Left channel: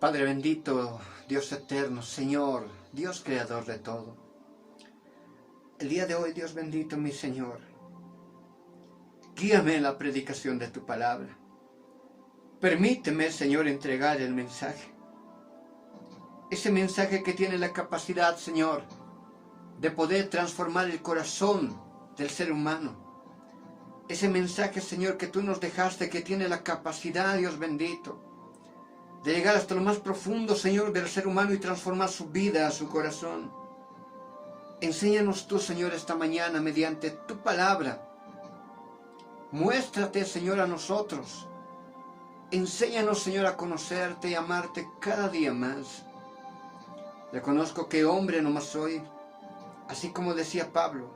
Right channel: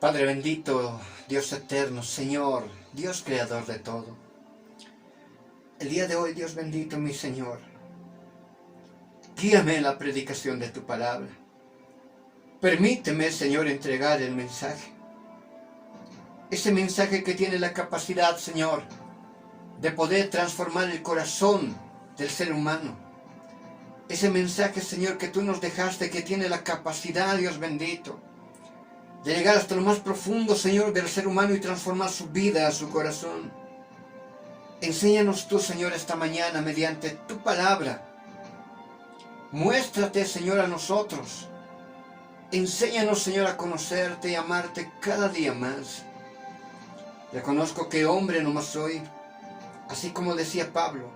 Padre bendito, Dios eterno, Señor, Dios creador de todo. El día de hoy, Dios bendito, mi Señor, guíame en la predicación de tu palabra. Permíteme, Señor, entregar el mensaje. Ese mensaje que tiene la capacidad, Señor, de poder transformar el corazón del ser humano. Ese mensaje, Señor, que tú nos dejaste, que tiene la capacidad, Dios bendito, de llegar hasta lo más profundo, Señor, del ser humano y transformar su vida, su corazón. Enséñanos tú, Señor, esta mañana mediante tu palabra. Muéstrate, Señor, a nosotros. Enséñanos, Señor, a conocerte y amarte cada día más. Reconozco que hombre nomás soy, así como decía Pablo,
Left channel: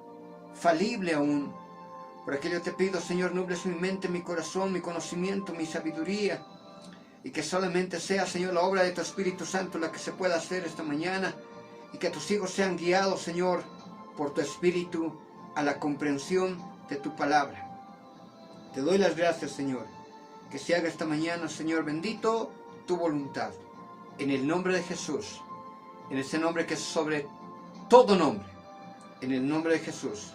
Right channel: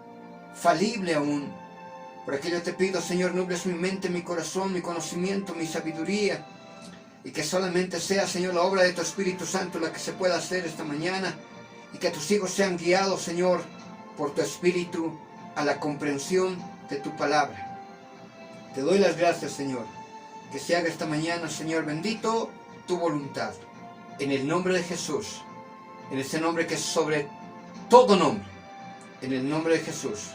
falible aún. Por aquello te pido, Señor, nubles mi mente, mi corazón, mi conocimiento, mi sabiduría, y que solamente sea, Señor, la obra de tu Espíritu Santo la que se pueda hacer esta mañana, y que tus hijos sean guiados, Señor, por tu Espíritu a la comprensión de tu palabra. Te doy las gracias, Señor, que se haga esta mañana, Señor bendito, tu voluntad. En el nombre de Jesús, en ese nombre que es sobre todo nombre, en el nombre de Jesús.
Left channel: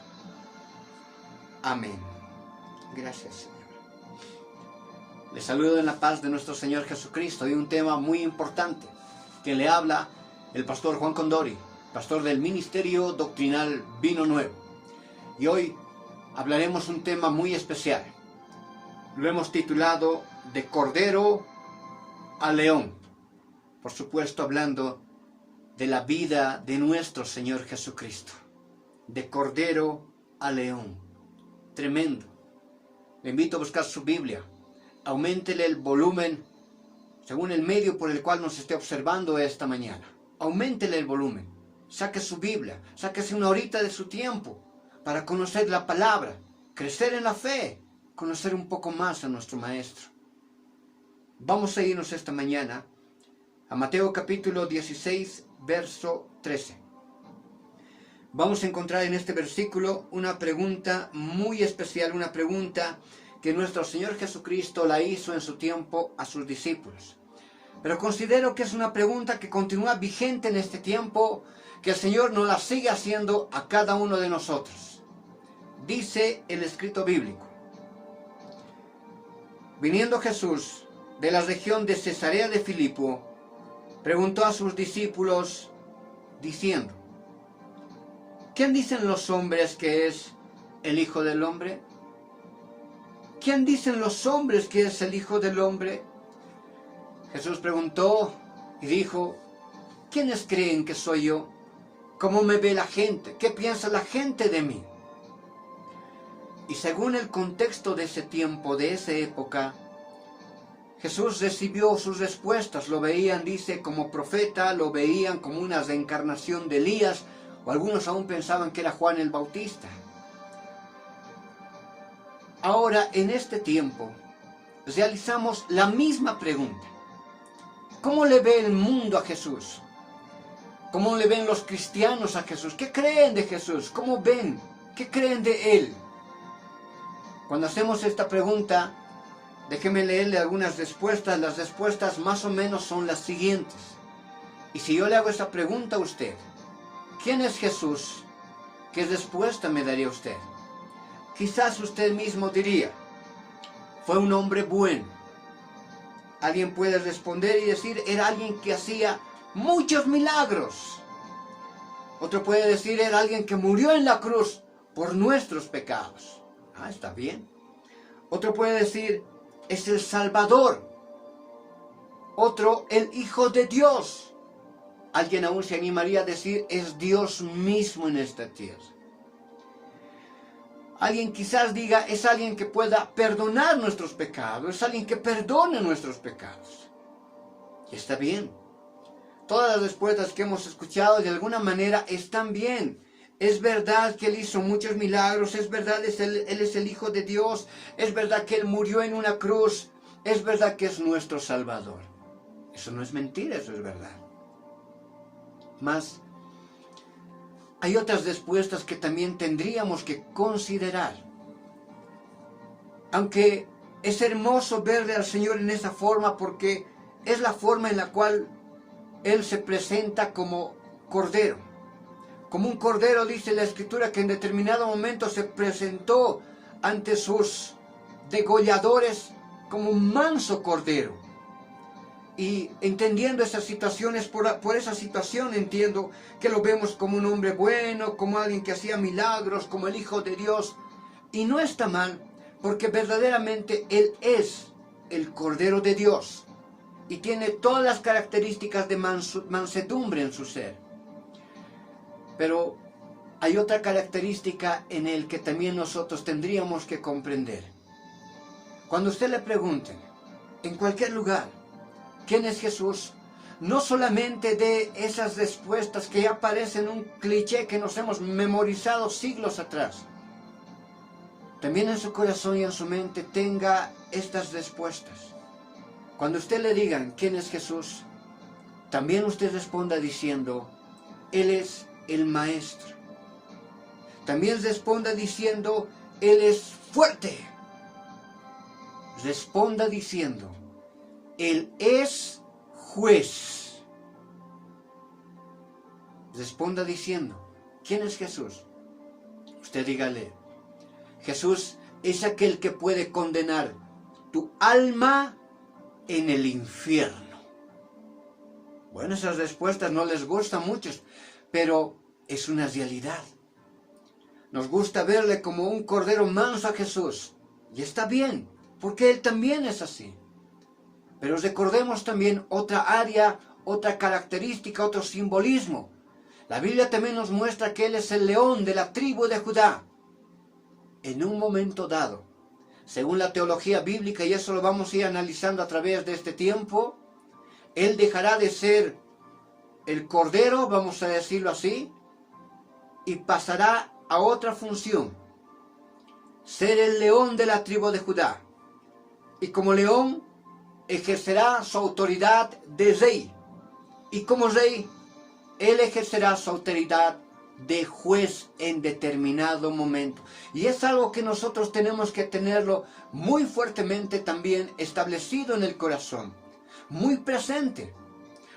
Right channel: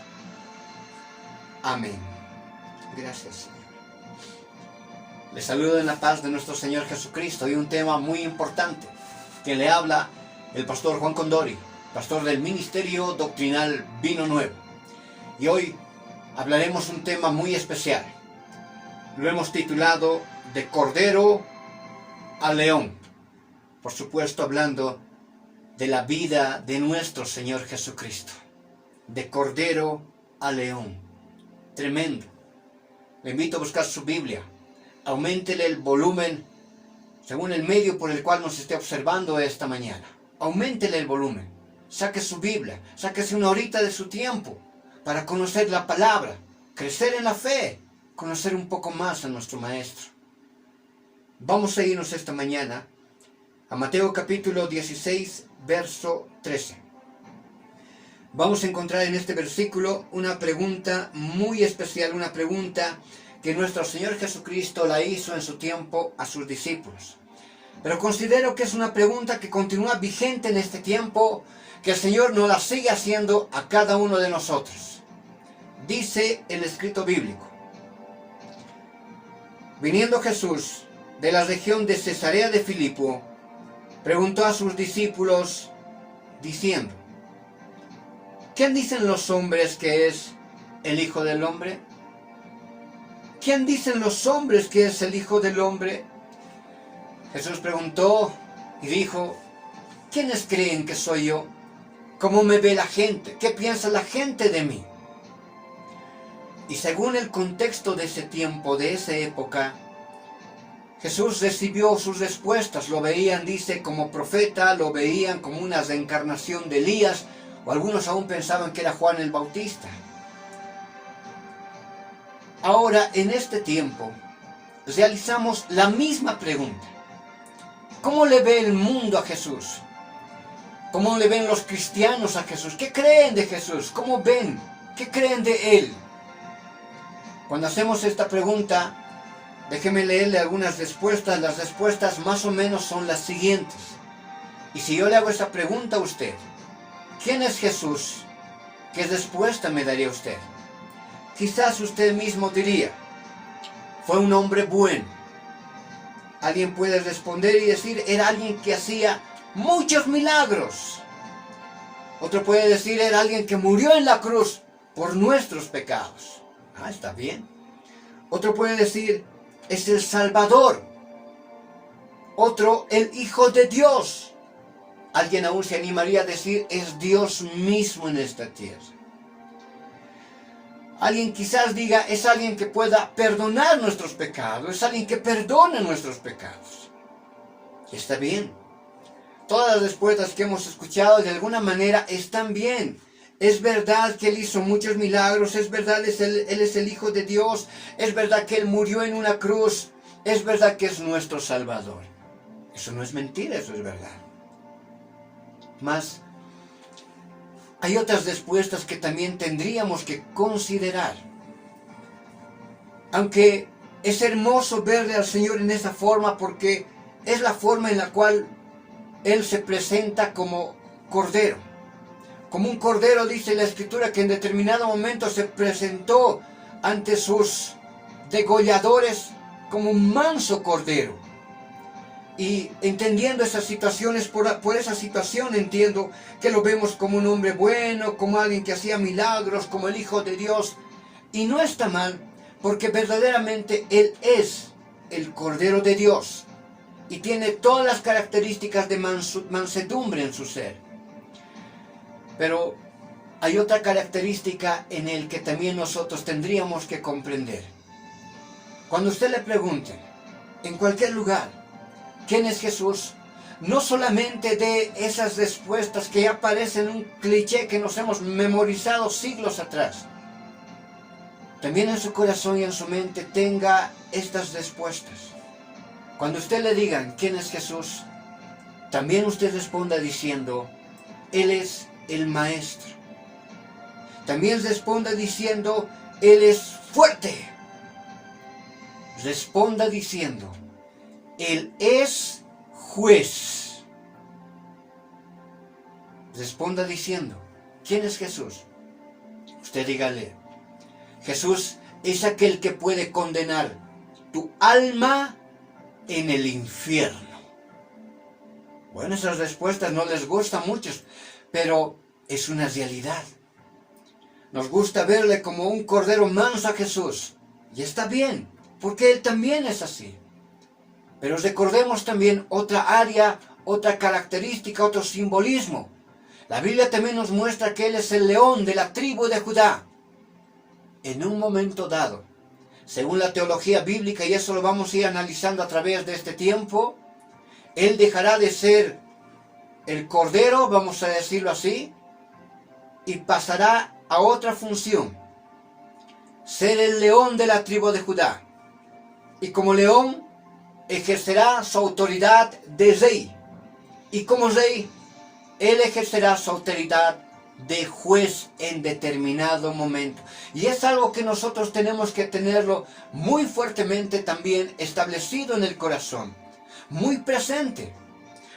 Amén. Gracias, Señor. Les saludo en la paz de nuestro Señor Jesucristo y un tema muy importante. Quien le habla, el pastor Juan Condori, pastor del Ministerio Doctrinal Vino Nuevo. Y hoy hablaremos un tema muy especial. Lo hemos titulado De Cordero a León. Por supuesto, hablando de la vida de nuestro Señor Jesucristo. De Cordero a León. Tremendo. Le invito a buscar su Biblia. Auméntele el volumen según el medio por el cual nos esté observando esta mañana. Auméntele el volumen. Saque su Biblia. Sáquese una horita de su tiempo para conocer la palabra, crecer en la fe, conocer un poco más a nuestro Maestro. Vamos a irnos esta mañana a Mateo capítulo 16, verso 13. Vamos a encontrar en este versículo una pregunta muy especial, una pregunta que nuestro Señor Jesucristo la hizo en su tiempo a sus discípulos. Pero considero que es una pregunta que continúa vigente en este tiempo, que el Señor nos la sigue haciendo a cada uno de nosotros. Dice el escrito bíblico: viniendo Jesús de la región de Cesarea de Filipo, preguntó a sus discípulos, diciendo: ¿quién dicen los hombres que es el Hijo del Hombre? ¿Quién dicen los hombres que es el Hijo del Hombre? Jesús preguntó y dijo: ¿quiénes creen que soy yo? ¿Cómo me ve la gente? ¿Qué piensa la gente de mí? Y según el contexto de ese tiempo, de esa época, Jesús recibió sus respuestas. Lo veían, dice, como profeta, lo veían como una reencarnación de Elías, o algunos aún pensaban que era Juan el Bautista. Ahora, en este tiempo, realizamos la misma pregunta. ¿Cómo le ve el mundo a Jesús? ¿Cómo le ven los cristianos a Jesús? ¿Qué creen de Jesús? ¿Cómo ven? ¿Qué creen de Él? Cuando hacemos esta pregunta, déjeme leerle algunas respuestas. Las respuestas más o menos son las siguientes. Y si yo le hago esa pregunta a usted, ¿quién es Jesús? ¿Qué respuesta me daría usted? Quizás usted mismo diría: fue un hombre bueno. Alguien puede responder y decir: era alguien que hacía muchos milagros. Otro puede decir: era alguien que murió en la cruz por nuestros pecados. Ah, está bien. Otro puede decir: es el Salvador. Otro: el Hijo de Dios. Alguien aún se animaría a decir: es Dios mismo en esta tierra. Alguien quizás diga: es alguien que pueda perdonar nuestros pecados, es alguien que perdona nuestros pecados. Y está bien. Todas las respuestas que hemos escuchado de alguna manera están bien. Es verdad que Él hizo muchos milagros, es verdad que Él es el Hijo de Dios, es verdad que Él murió en una cruz, es verdad que es nuestro Salvador. Eso no es mentira, eso es verdad. Mas hay otras respuestas que también tendríamos que considerar. Aunque es hermoso verle al Señor en esa forma, porque es la forma en la cual Él se presenta como cordero. Como un cordero, dice la Escritura, que en determinado momento se presentó ante sus degolladores como un manso cordero. Y entendiendo esas situaciones, por esa situación entiendo que lo vemos como un hombre bueno, como alguien que hacía milagros, como el Hijo de Dios. Y no está mal, porque verdaderamente Él es el Cordero de Dios y tiene todas las características de mansedumbre en su ser. Pero hay otra característica en Él que también nosotros tendríamos que comprender. Cuando usted le pregunte, en cualquier lugar, ¿quién es Jesús? No solamente de esas respuestas que ya parecen un cliché que nos hemos memorizado siglos atrás. También en su corazón y en su mente tenga estas respuestas. Cuando usted le digan quién es Jesús, también usted responda diciendo, Él es el Maestro. También responda diciendo, Él es fuerte. Responda diciendo, Él es juez. Responda diciendo, ¿quién es Jesús? Usted dígale, Jesús es aquel que puede condenar tu alma en el infierno. Bueno, esas respuestas no les gustan a muchos, pero es una realidad. Nos gusta verle como un cordero manso a Jesús. Y está bien, porque Él también es así. Pero recordemos también otra área, otra característica, otro simbolismo. La Biblia también nos muestra que Él es el león de la tribu de Judá. En un momento dado, según la teología bíblica, y eso lo vamos a ir analizando a través de este tiempo, Él dejará de ser el cordero, vamos a decirlo así, y pasará a otra función, ser el león de la tribu de Judá. Y como león, ejercerá su autoridad de rey. Y como rey, Él ejercerá su autoridad de juez en determinado momento. Y es algo que nosotros tenemos que tenerlo muy fuertemente también establecido en el corazón, muy presente,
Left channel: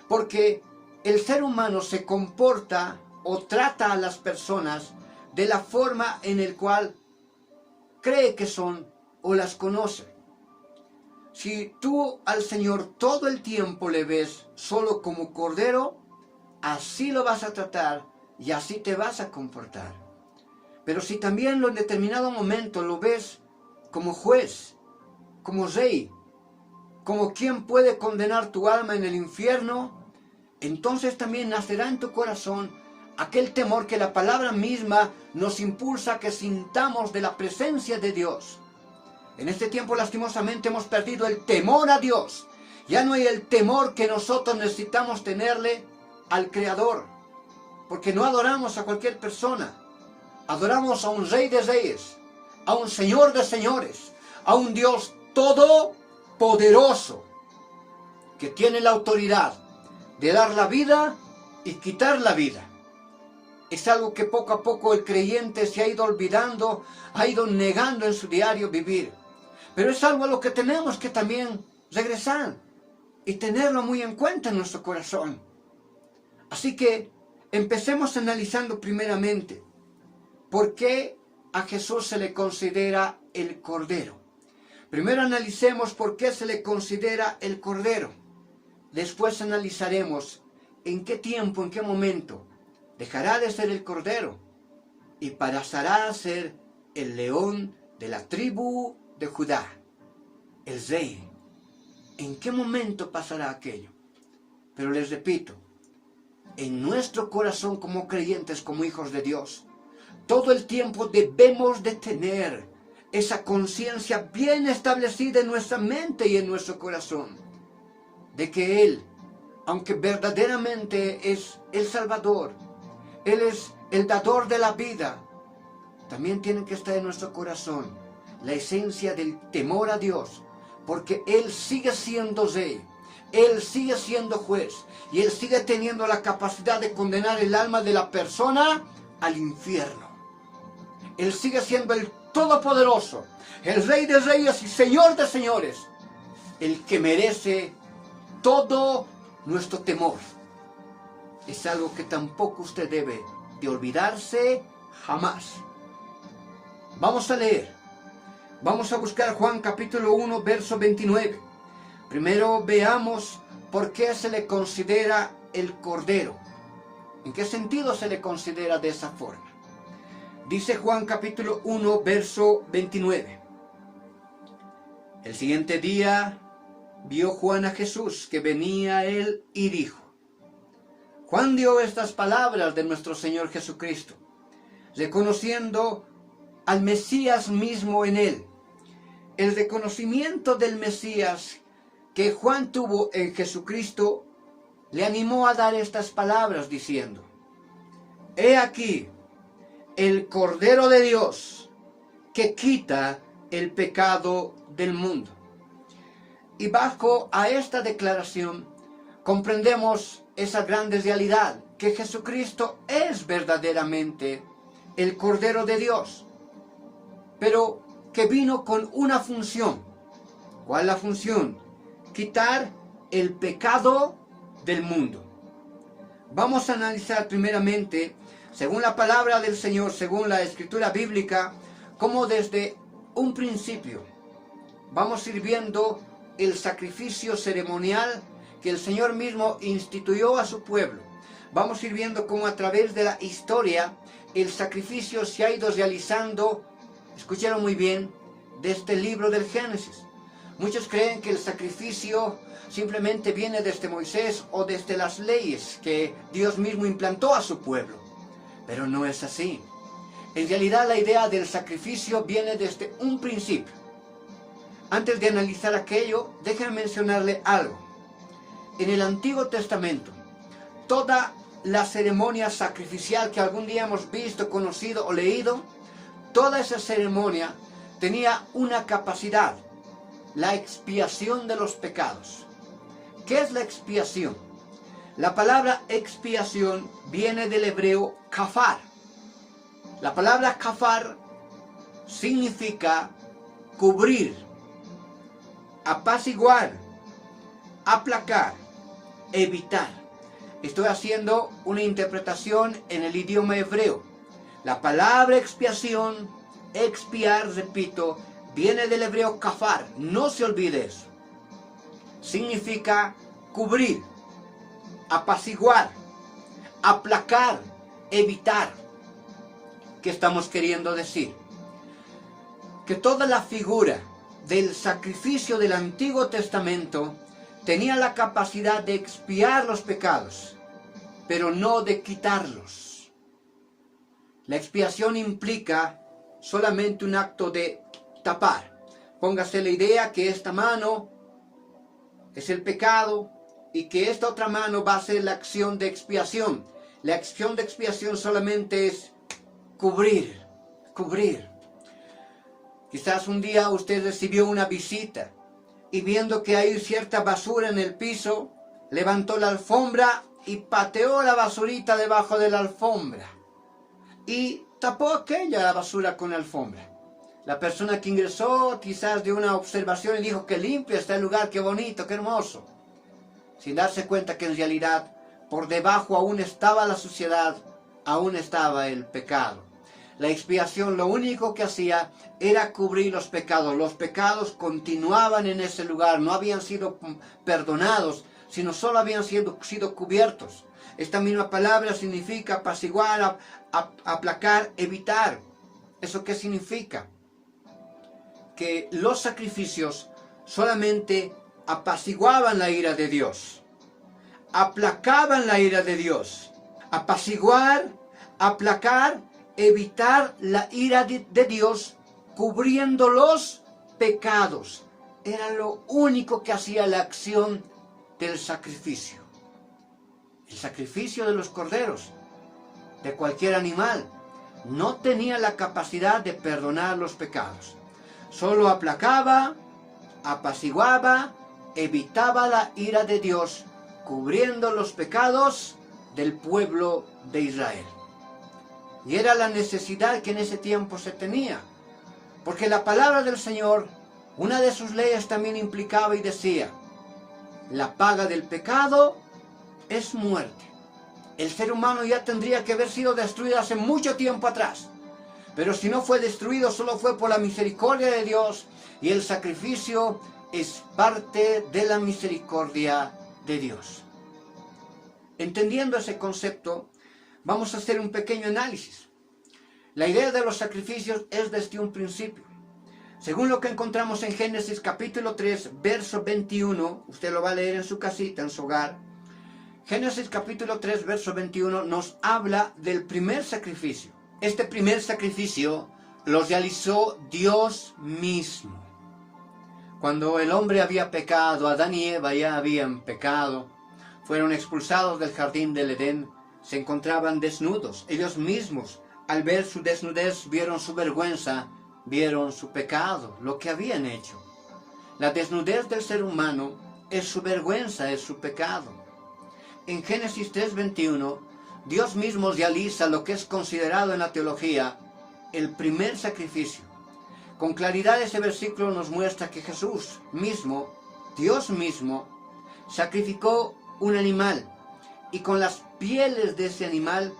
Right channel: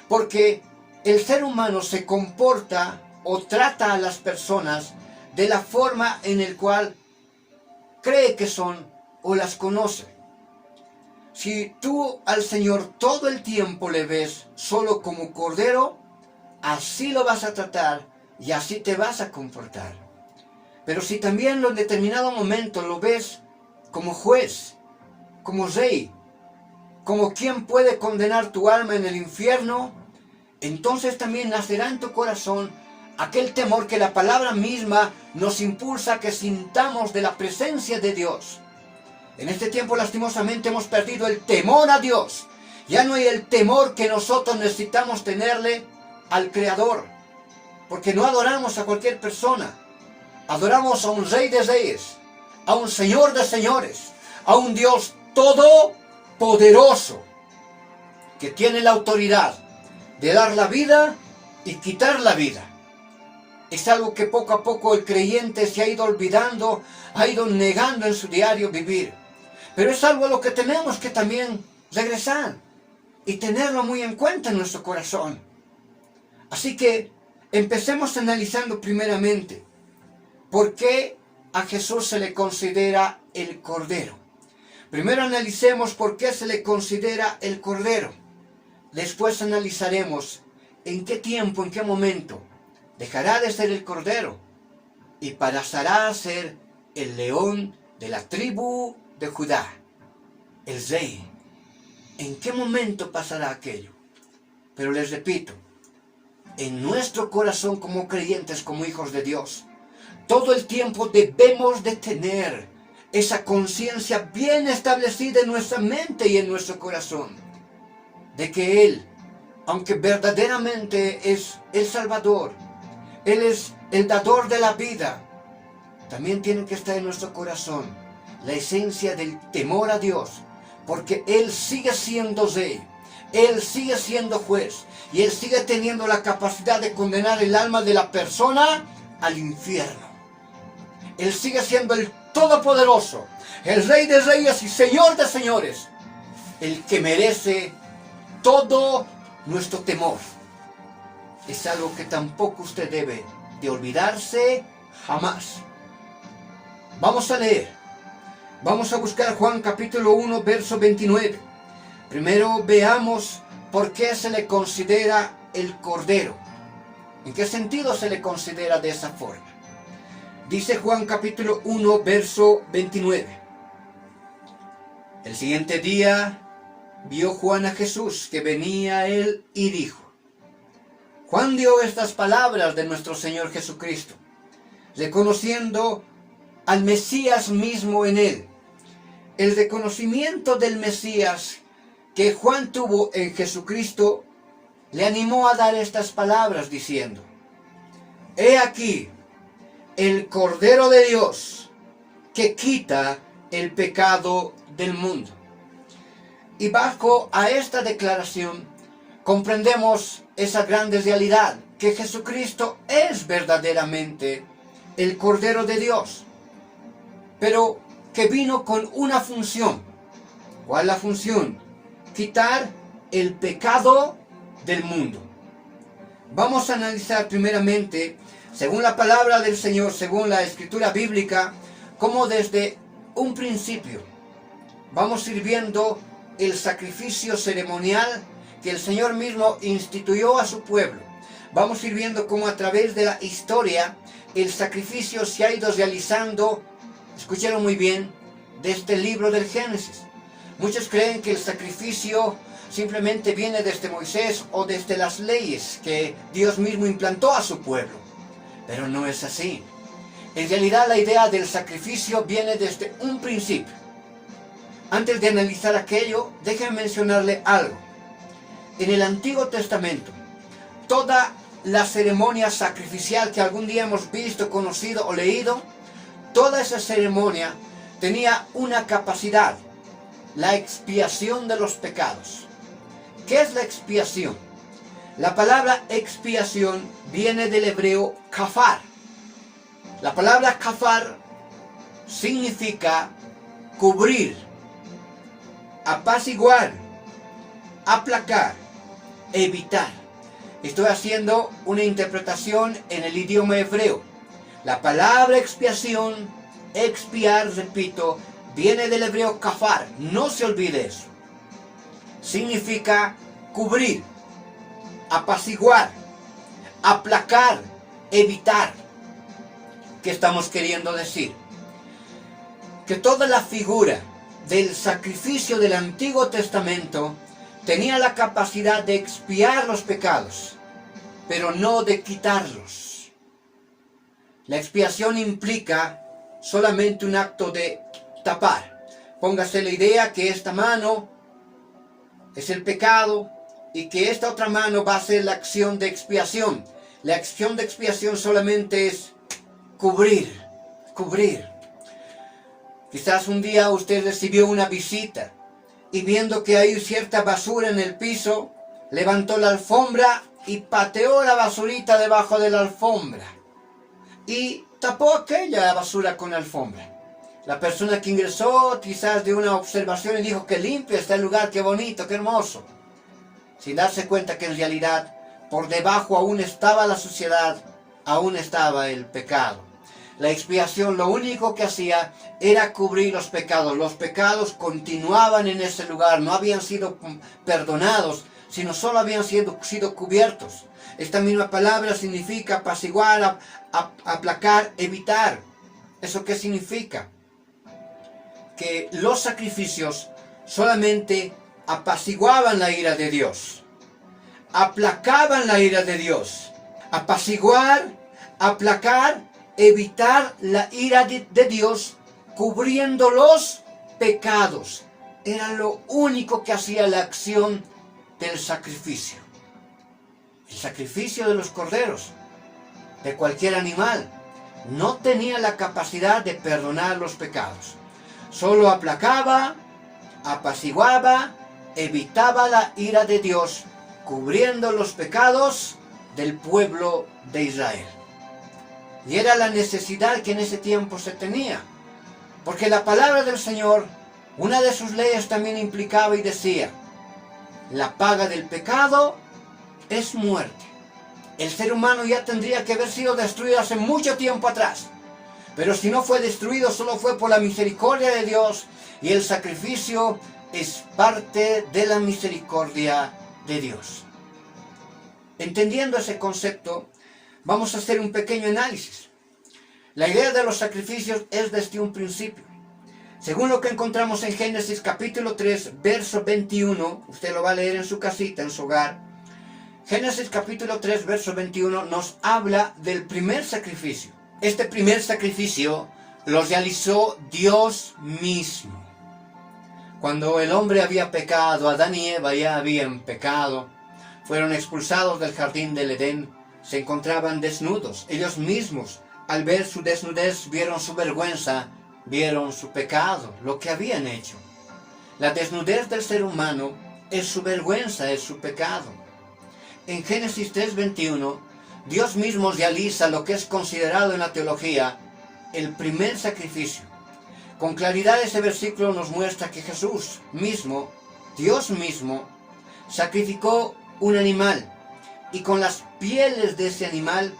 porque el ser humano se comporta o trata a las personas de la forma en la cual cree que son o las conoce. Si tú al Señor todo el tiempo le ves solo como cordero, así lo vas a tratar y así te vas a comportar. Pero si también en determinado momento lo ves como juez, como rey, como quien puede condenar tu alma en el infierno, entonces también nacerá en tu corazón aquel temor que la palabra misma nos impulsa a que sintamos de la presencia de Dios. En este tiempo lastimosamente hemos perdido el temor a Dios. Ya no hay el temor que nosotros necesitamos tenerle al Creador. Porque no adoramos a cualquier persona. Adoramos a un Rey de Reyes, a un Señor de Señores, a un Dios todopoderoso, que tiene la autoridad de dar la vida y quitar la vida. Es algo que poco a poco el creyente se ha ido olvidando, ha ido negando en su diario vivir. Pero es algo a lo que tenemos que también regresar y tenerlo muy en cuenta en nuestro corazón. Así que empecemos analizando primeramente por qué a Jesús se le considera el Cordero. Primero analicemos por qué se le considera el Cordero. Después analizaremos en qué tiempo, en qué momento dejará de ser el Cordero y pasará a ser el león de la tribu de Judá, el rey. ¿En qué momento pasará aquello? Pero les repito, en nuestro corazón como creyentes, como hijos de Dios, todo el tiempo debemos de tener esa conciencia bien establecida en nuestra mente y en nuestro corazón, de que Él, aunque verdaderamente es el Salvador, Él es el dador de la vida, también tiene que estar en nuestro corazón la esencia del temor a Dios, porque Él sigue siendo rey, Él sigue siendo juez, y Él sigue teniendo la capacidad de condenar el alma de la persona al infierno. Él sigue siendo el Todopoderoso, el Rey de Reyes y Señor de Señores, el que merece todo nuestro temor. Es algo que tampoco usted debe de olvidarse jamás. Vamos a leer. Vamos a buscar Juan capítulo 1, verso 29. Primero veamos por qué se le considera el Cordero. ¿En qué sentido se le considera de esa forma? Dice Juan capítulo 1, verso 29. El siguiente día vio Juan a Jesús que venía a él y dijo. Juan dio estas palabras de nuestro Señor Jesucristo, reconociendo al Mesías mismo en él. El reconocimiento del Mesías que Juan tuvo en Jesucristo le animó a dar estas palabras diciendo, he aquí el Cordero de Dios que quita el pecado del mundo. Y bajo a esta declaración comprendemos esa grande realidad, que Jesucristo es verdaderamente el Cordero de Dios, pero que vino con una función. ¿Cuál es la función? Quitar el pecado del mundo. Vamos a analizar primeramente, según la palabra del Señor, según la escritura bíblica, cómo desde un principio vamos a ir viendo el sacrificio ceremonial que el Señor mismo instituyó a su pueblo. Vamos a ir viendo cómo a través de la historia el sacrificio se ha ido realizando, escucharon muy bien, desde el libro del Génesis. Muchos creen que el sacrificio simplemente viene desde Moisés o desde las leyes que Dios mismo implantó a su pueblo. Pero no es así. En realidad la idea del sacrificio viene desde un principio. Antes de analizar aquello, déjenme mencionarle algo. En el Antiguo Testamento, toda la ceremonia sacrificial que algún día hemos visto, conocido o leído, toda esa ceremonia tenía una capacidad, la expiación de los pecados. ¿Qué es la expiación? La palabra expiación viene del hebreo kafar. La palabra kafar significa cubrir, apaciguar, aplacar, evitar. Estoy haciendo una interpretación en el idioma hebreo. La palabra expiación, expiar, repito, viene del hebreo kafar. No se olvide eso. Significa cubrir, apaciguar, aplacar, evitar. ¿Qué estamos queriendo decir? Que toda la figura del sacrificio del Antiguo Testamento tenía la capacidad de expiar los pecados, pero no de quitarlos. La expiación implica solamente un acto de tapar. Póngase la idea que esta mano es el pecado y que esta otra mano va a ser la acción de expiación. La acción de expiación solamente es cubrir, cubrir. Quizás un día usted recibió una visita y viendo que hay cierta basura en el piso, levantó la alfombra y pateó la basurita debajo de la alfombra y tapó aquella basura con la alfombra. La persona que ingresó quizás dio una observación y dijo, qué limpio está el lugar, qué bonito, qué hermoso, sin darse cuenta que en realidad por debajo aún estaba la suciedad, aún estaba el pecado. La expiación lo único que hacía era cubrir los pecados. Los pecados continuaban en ese lugar, no habían sido perdonados, sino solo habían sido cubiertos. Esta misma palabra significa apaciguar, aplacar, evitar. ¿Eso qué significa? Que los sacrificios solamente apaciguaban la ira de Dios, aplacaban la ira de Dios. Apaciguar, aplacar, evitar la ira de Dios, cubriendo los pecados. Era lo único que hacía la acción del sacrificio. El sacrificio de los corderos, de cualquier animal, no tenía la capacidad de perdonar los pecados. Solo aplacaba, apaciguaba, evitaba la ira de Dios, cubriendo los pecados del pueblo de Israel. Y era la necesidad que en ese tiempo se tenía. Porque la palabra del Señor, una de sus leyes también implicaba y decía La paga del pecado es muerte. El ser humano ya tendría que haber sido destruido hace mucho tiempo atrás. Pero si no fue destruido, solo fue por la misericordia de Dios, y el sacrificio es parte de la misericordia de Dios. Entendiendo ese concepto, vamos a hacer un pequeño análisis. La idea de los sacrificios es desde un principio. Según lo que encontramos en Génesis capítulo 3, verso 21, usted lo va a leer en su casita, en su hogar. Génesis capítulo 3, verso 21 nos habla del primer sacrificio. Este primer sacrificio lo realizó Dios mismo. Cuando el hombre había pecado, Adán y Eva ya habían pecado, fueron expulsados del jardín del Edén, se encontraban desnudos. Ellos mismos, al ver su desnudez, vieron su vergüenza, vieron su pecado, lo que habían hecho. La desnudez del ser humano es su vergüenza, es su pecado. En Génesis 3:21, Dios mismo realiza lo que es considerado en la teología el primer sacrificio. Con claridad ese versículo nos muestra que Jesús mismo, Dios mismo, sacrificó un animal y con las pieles de ese animal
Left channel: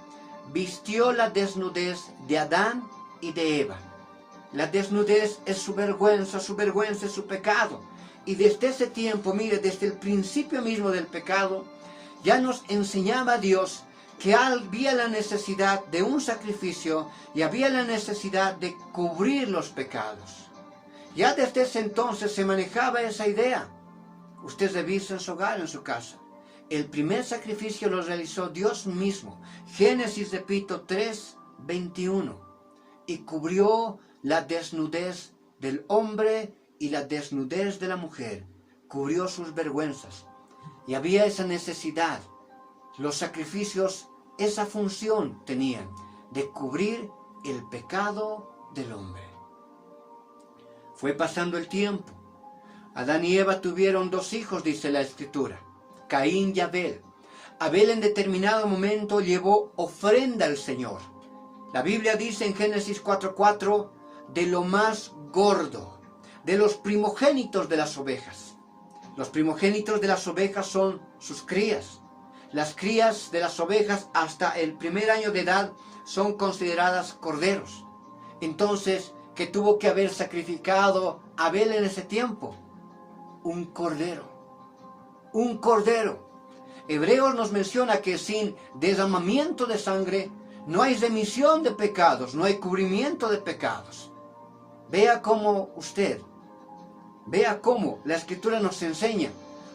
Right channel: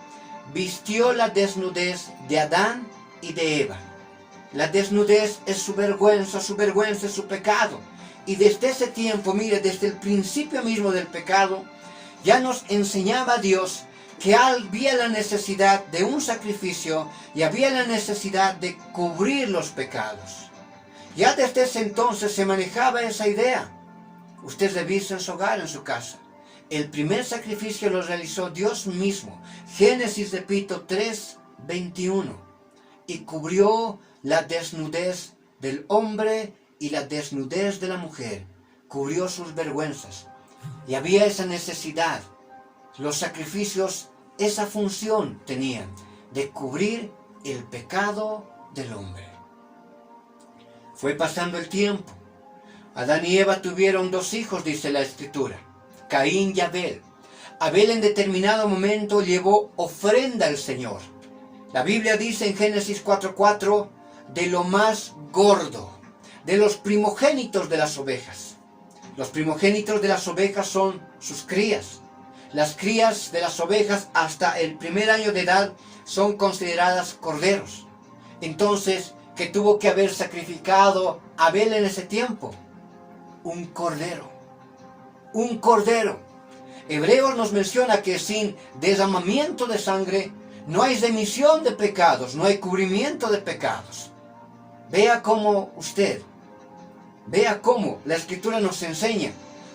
vistió la desnudez de Adán y de Eva. La desnudez es su vergüenza es su pecado. Y desde ese tiempo, mire, desde el principio mismo del pecado, ya nos enseñaba Dios que había la necesidad de un sacrificio y había la necesidad de cubrir los pecados. Ya desde ese entonces se manejaba esa idea. Usted revisa en su hogar, en su casa. El primer sacrificio lo realizó Dios mismo. Génesis, repito, 3:21. Y cubrió la desnudez del hombre y la desnudez de la mujer. Cubrió sus vergüenzas. Y había esa necesidad. Los sacrificios, esa función tenían de cubrir el pecado del hombre. Fue pasando el tiempo. Adán y Eva tuvieron 2 hijos, dice la Escritura, Caín y Abel. Abel en determinado momento llevó ofrenda al Señor. La Biblia dice en Génesis 4:4, de lo más gordo, de los primogénitos de las ovejas. Los primogénitos de las ovejas son sus crías. Las crías de las ovejas hasta el primer año de edad son consideradas corderos. Entonces, ¿qué tuvo que haber sacrificado Abel en ese tiempo? Un cordero. Un cordero. Hebreos nos menciona que sin derramamiento de sangre no hay remisión de pecados, no hay cubrimiento de pecados. Vea cómo la Escritura nos enseña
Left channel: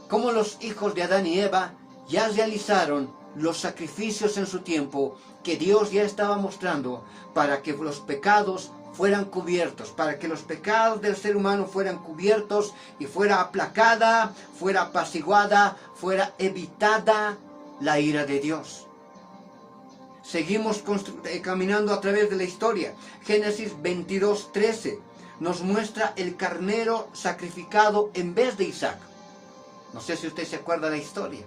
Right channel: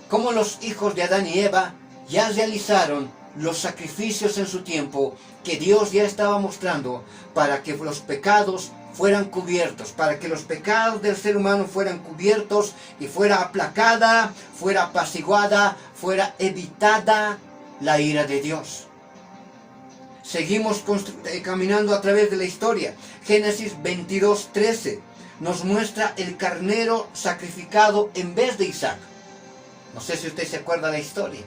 cómo los hijos de Adán y Eva ya realizaron los sacrificios en su tiempo que Dios ya estaba mostrando para que los pecados fueran cubiertos, para que los pecados del ser humano fueran cubiertos y fuera aplacada, fuera apaciguada, fuera evitada la ira de Dios. Seguimos caminando a través de la historia. Génesis 22:13 nos muestra el carnero sacrificado en vez de Isaac. No sé si usted se acuerda de la historia.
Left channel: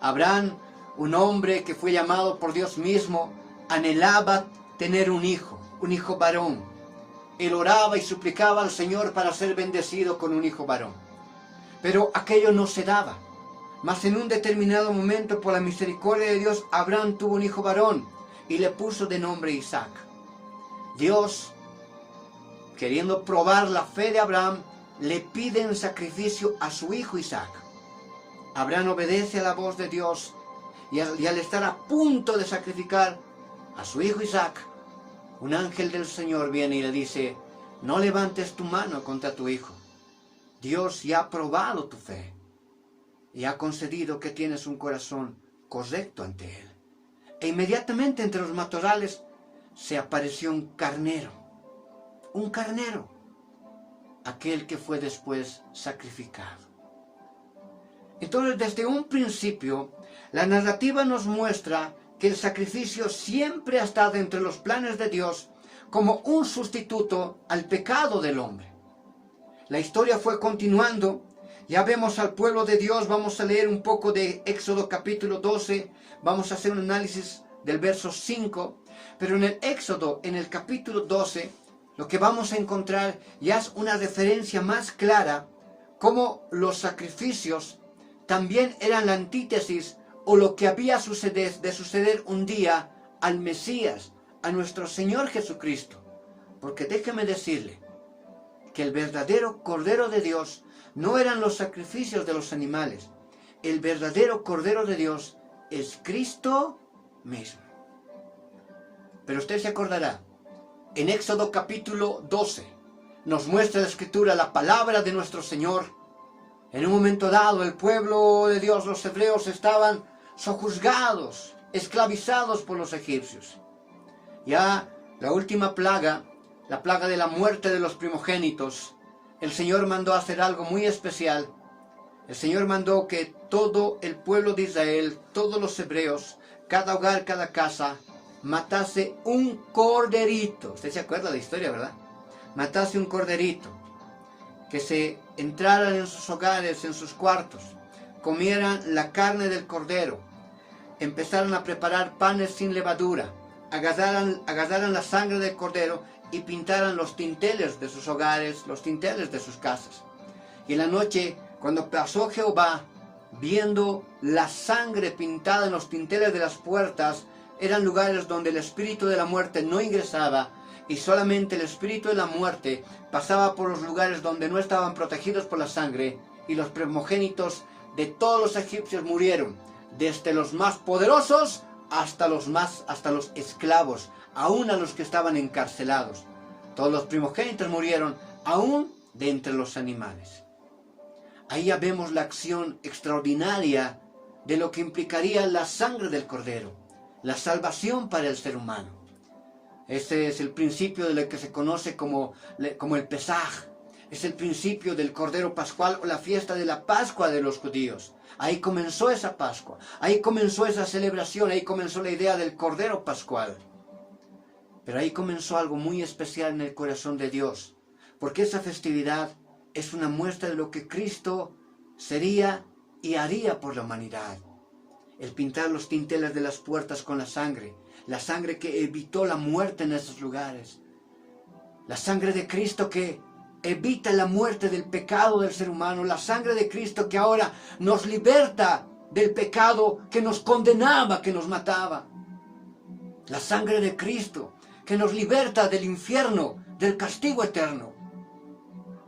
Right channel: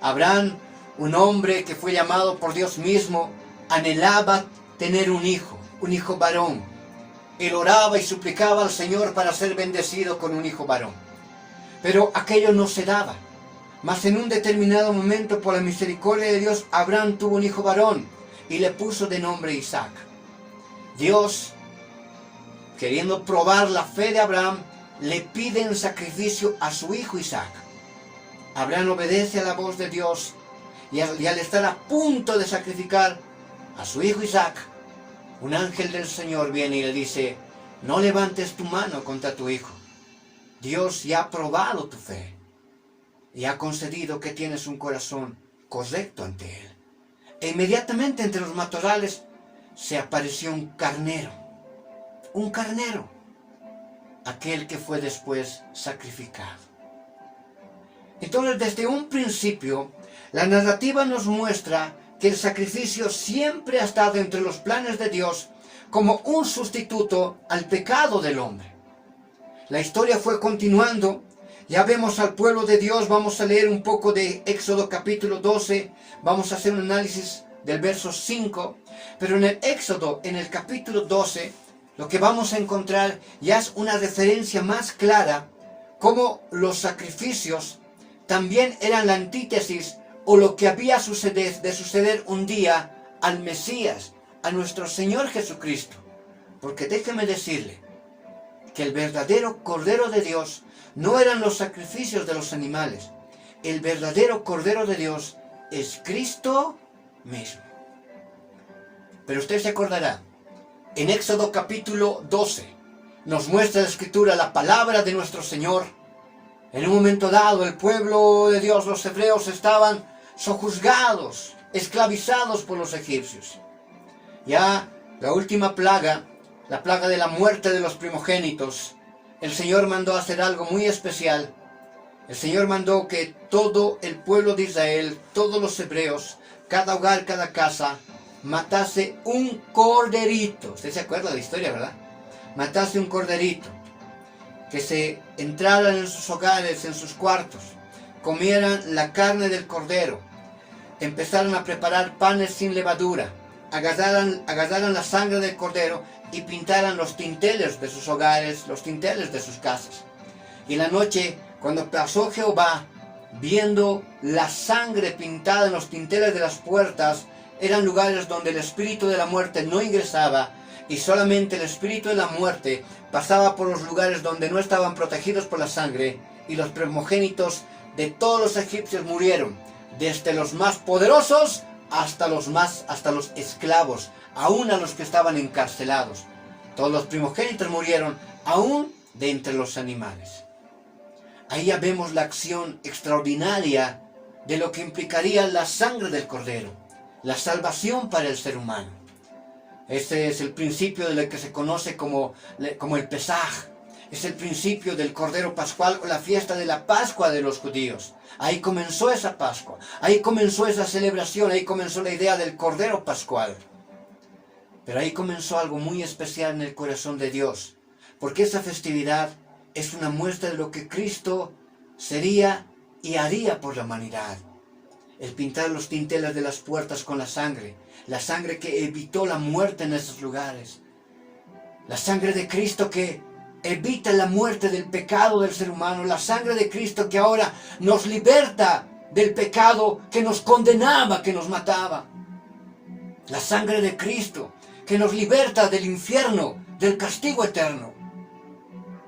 Abraham, un hombre que fue llamado por Dios mismo, anhelaba tener un hijo varón. Él oraba y suplicaba al Señor para ser bendecido con un hijo varón. Pero aquello no se daba. Mas en un determinado momento, por la misericordia de Dios, Abraham tuvo un hijo varón y le puso de nombre Isaac. Dios, queriendo probar la fe de Abraham, le pide en sacrificio a su hijo Isaac. Abraham obedece a la voz de Dios y al estar a punto de sacrificar a su hijo Isaac, un ángel del Señor viene y le dice, no levantes tu mano contra tu hijo. Dios ya ha probado tu fe y ha concedido que tienes un corazón correcto ante Él. E inmediatamente entre los matorrales se apareció un carnero, aquel que fue después sacrificado. Entonces, desde un principio, la narrativa nos muestra que el sacrificio siempre ha estado entre los planes de Dios como un sustituto al pecado del hombre. La historia fue continuando. Ya vemos al pueblo de Dios. Vamos a leer un poco de Éxodo capítulo 12. Vamos a hacer un análisis del verso 5. Pero en el Éxodo, en el capítulo 12, lo que vamos a encontrar ya es una referencia más clara cómo los sacrificios también eran la antítesis o lo que había de suceder un día al Mesías, a nuestro Señor Jesucristo. Porque déjeme decirle que el verdadero Cordero de Dios no eran los sacrificios de los animales. El verdadero Cordero de Dios es Cristo mismo. Pero usted se acordará, en Éxodo capítulo 12, nos muestra la Escritura la palabra de nuestro Señor. En un momento dado, el pueblo de Dios, los hebreos, estaban sojuzgados, esclavizados por los egipcios. Ya la última plaga, la plaga de la muerte de los primogénitos, el Señor mandó hacer algo muy especial. El Señor mandó que todo el pueblo de Israel, todos los hebreos, cada hogar, cada casa, matase un corderito. Usted se acuerda de la historia, ¿verdad? Matase un corderito. Que se entraran en sus hogares, en sus cuartos, comieran la carne del cordero, empezaran a preparar panes sin levadura, agarraran la sangre del cordero y pintaran los dinteles de sus hogares, los dinteles de sus casas. Y la noche, cuando pasó Jehová, viendo la sangre pintada en los dinteles de las puertas, eran lugares donde el espíritu de la muerte no ingresaba, y solamente el espíritu de la muerte pasaba por los lugares donde no estaban protegidos por la sangre, y los primogénitos de todos los egipcios murieron, desde los más poderosos hasta los esclavos, aún a los que estaban encarcelados. Todos los primogénitos murieron, aún de entre los animales. Ahí ya vemos la acción extraordinaria de lo que implicaría la sangre del cordero, la salvación para el ser humano. Este es el principio de lo que se conoce como el Pesaj. Es el principio del Cordero Pascual o la fiesta de la Pascua de los judíos. Ahí comenzó esa Pascua, ahí comenzó esa celebración, ahí comenzó la idea del Cordero Pascual. Pero ahí comenzó algo muy especial en el corazón de Dios, porque esa festividad es una muestra de lo que Cristo sería y haría por la humanidad. El pintar los dinteles de las puertas con la sangre que evitó la muerte en esos lugares. La sangre de Cristo que evita la muerte del pecado del ser humano. La sangre de Cristo que ahora nos liberta del pecado que nos condenaba, que nos mataba. La sangre de Cristo que nos liberta del infierno, del castigo eterno.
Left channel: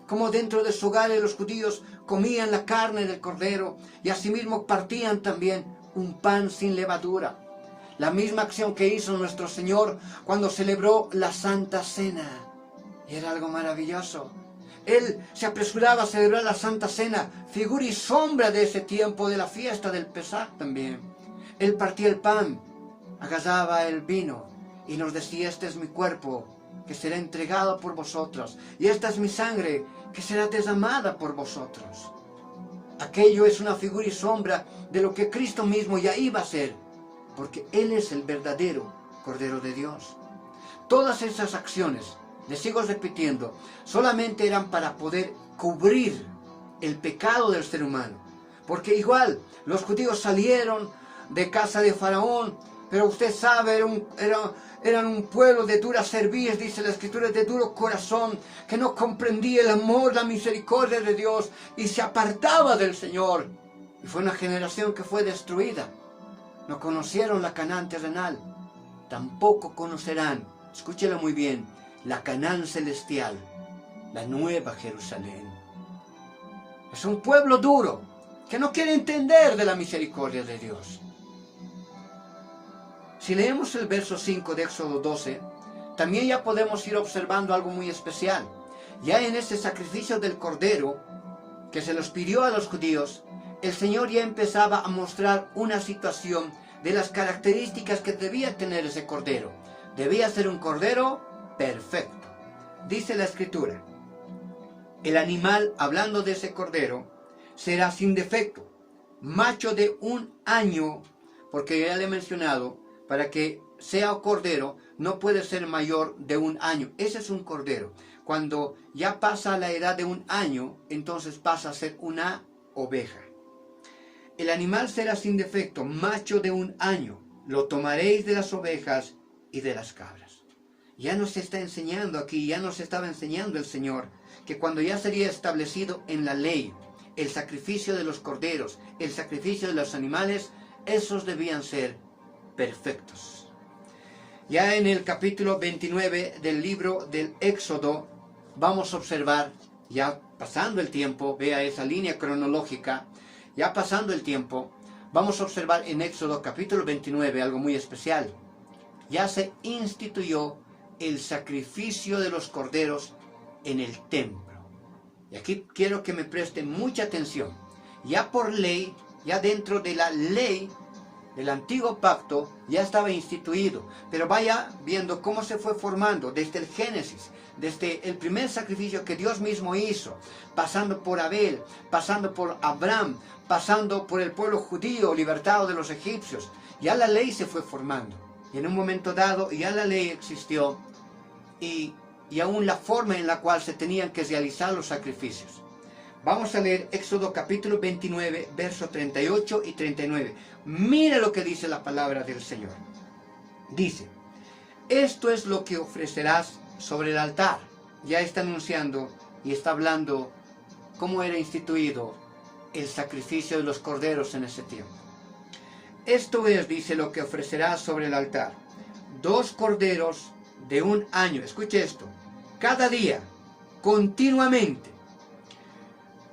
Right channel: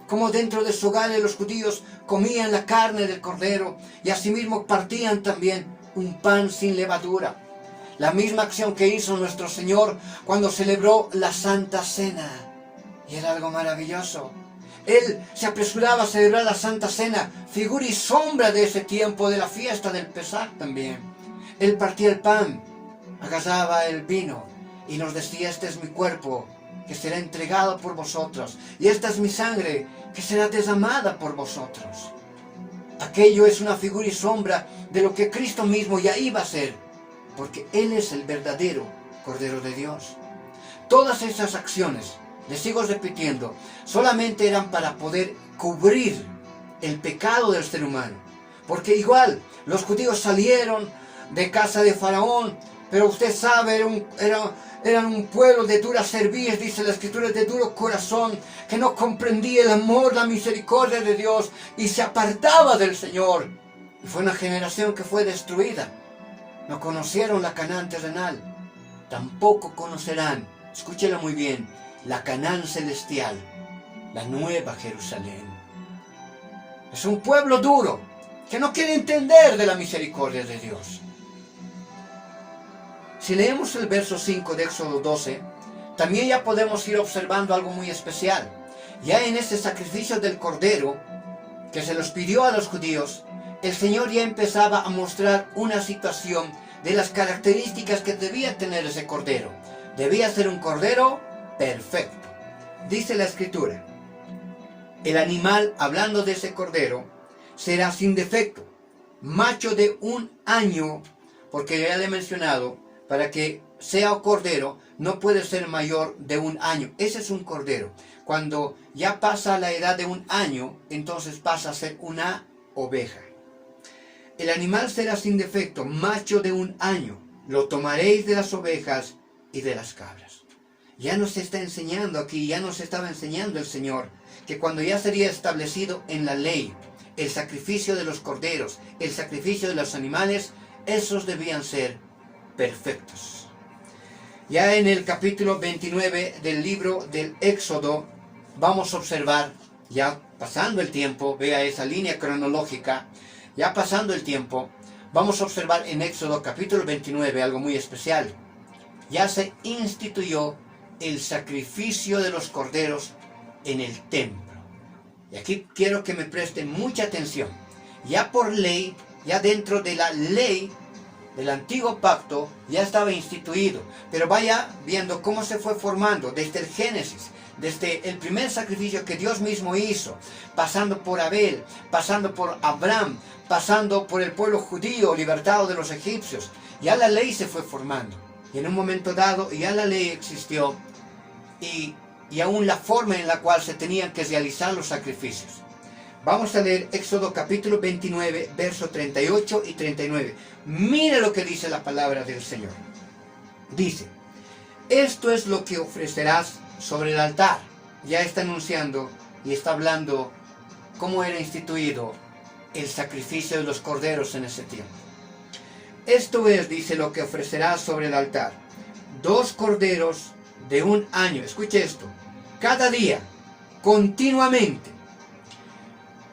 Como dentro de su hogar los judíos comían la carne del cordero y asimismo partían también un pan sin levadura. La misma acción que hizo nuestro Señor cuando celebró la Santa Cena. Y era algo maravilloso. Él se apresuraba a celebrar la Santa Cena, figura y sombra de ese tiempo, de la fiesta del Pesaj también. Él partía el pan, agarraba el vino y nos decía: este es mi cuerpo, que será entregado por vosotros, y esta es mi sangre, que será derramada por vosotros. Aquello es una figura y sombra de lo que Cristo mismo ya iba a ser, porque Él es el verdadero Cordero de Dios. Todas esas acciones, les sigo repitiendo, solamente eran para poder cubrir el pecado del ser humano. Porque igual, los judíos salieron de casa de Faraón, pero usted sabe, eran un pueblo de dura cerviz, dice la Escritura, de duro corazón, que no comprendía el amor, la misericordia de Dios, y se apartaba del Señor. Y fue una generación que fue destruida. No conocieron la Canaán terrenal, tampoco conocerán, escúchela muy bien, la Canaán celestial, la nueva Jerusalén. Es un pueblo duro, que no quiere entender de la misericordia de Dios. Si leemos el verso 5 de Éxodo 12, también ya podemos ir observando algo muy especial. Ya en este sacrificio del Cordero, que se los pidió a los judíos, el Señor ya empezaba a mostrar una situación de las características que debía tener ese Cordero. Debía ser un Cordero perfecto. Dice la Escritura: el animal, hablando de ese Cordero, será sin defecto, macho de 1 año, porque ya le he mencionado, para que sea cordero, no puede ser mayor de 1 año. Ese es un cordero. Cuando ya pasa la edad de 1 año, entonces pasa a ser una oveja. El animal será sin defecto, macho de 1 año. Lo tomaréis de las ovejas y de las cabras. Ya nos está enseñando aquí, ya nos estaba enseñando el Señor, que cuando ya sería establecido en la ley, el sacrificio de los corderos, el sacrificio de los animales, esos debían ser perfectos. Ya en el capítulo 29 del libro del Éxodo vamos a observar, ya pasando el tiempo, vea esa línea cronológica, ya pasando el tiempo, vamos a observar en Éxodo capítulo 29 algo muy especial. Ya se instituyó el sacrificio de los corderos en el templo. Y aquí quiero que me presten mucha atención. Ya por ley, ya dentro de la ley del antiguo pacto, ya estaba instituido. Pero vaya viendo cómo se fue formando desde el Génesis, desde el primer sacrificio que Dios mismo hizo, pasando por Abel, pasando por Abraham, pasando por el pueblo judío libertado de los egipcios. Ya la ley se fue formando. Y en un momento dado ya la ley existió y aún la forma en la cual se tenían que realizar los sacrificios. Vamos a leer Éxodo capítulo 29, versos 38 y 39. Mira lo que dice la palabra del Señor. Dice, esto es lo que ofrecerás sobre el altar. Ya está anunciando y está hablando cómo era instituido el sacrificio de los corderos en ese tiempo. Esto es, dice, lo que ofrecerás sobre el altar. 2 corderos de 1 año. Escuche esto. Cada día, continuamente,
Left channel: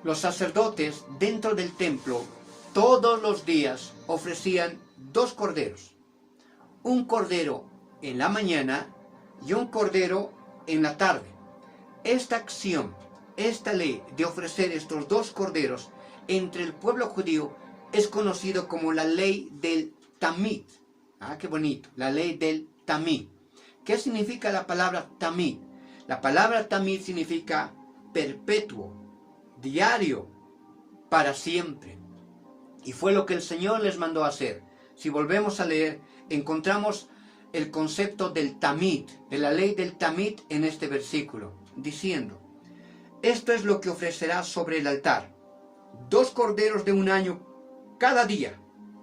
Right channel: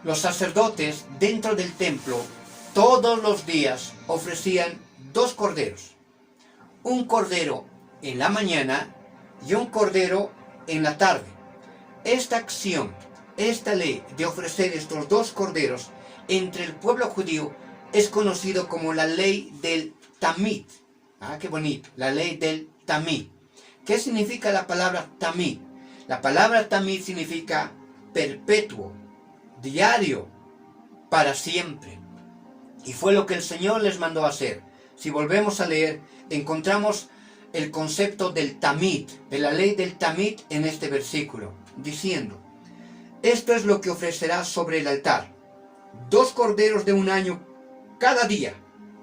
los sacerdotes dentro del templo, todos los días, ofrecían 2 corderos. Un cordero en la mañana y un cordero en la tarde. Esta acción, esta ley de ofrecer estos 2 corderos entre el pueblo judío es conocido como la ley del Tamid. Ah, qué bonito, la ley del Tamid. ¿Qué significa la palabra Tamid? La palabra Tamid significa perpetuo, diario, para siempre. Y fue lo que el Señor les mandó a hacer. Si volvemos a leer, encontramos el concepto del Tamid, de la ley del Tamid en este versículo, diciendo, esto es lo que ofrecerás sobre el altar. 2 corderos de 1 año cada día,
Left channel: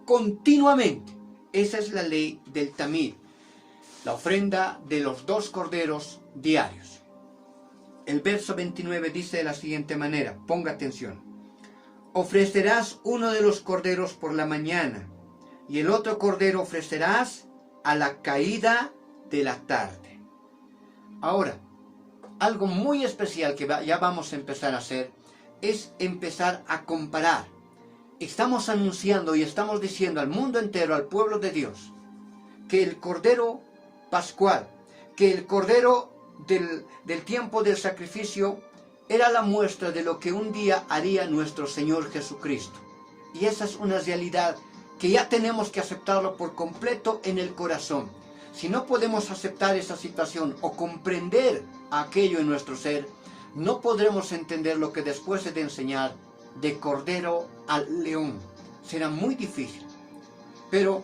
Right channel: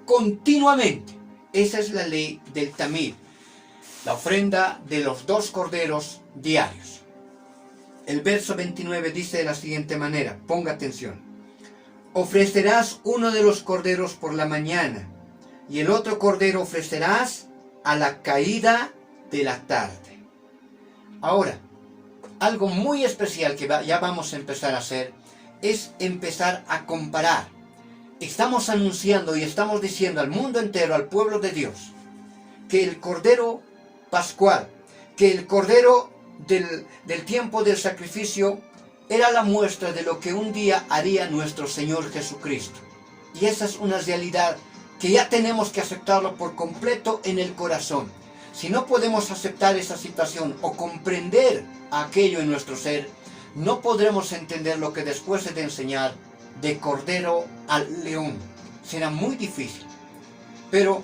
continuamente. Esa es la ley del Tamid, la ofrenda de los 2 corderos diarios. El verso 29 dice de la siguiente manera, ponga atención. Ofrecerás uno de los corderos por la mañana, y el otro cordero ofrecerás a la caída de la tarde. Ahora, algo muy especial que ya vamos a empezar a hacer, es empezar a comparar. Estamos anunciando y estamos diciendo al mundo entero, al pueblo de Dios, que el cordero pascual, que el cordero del tiempo del sacrificio era la muestra de lo que un día haría nuestro Señor Jesucristo. Y esa es una realidad que ya tenemos que aceptarlo por completo en el corazón. Si no podemos aceptar esa situación o comprender aquello en nuestro ser, no podremos entender lo que después de enseñar de cordero al león. Será muy difícil. Pero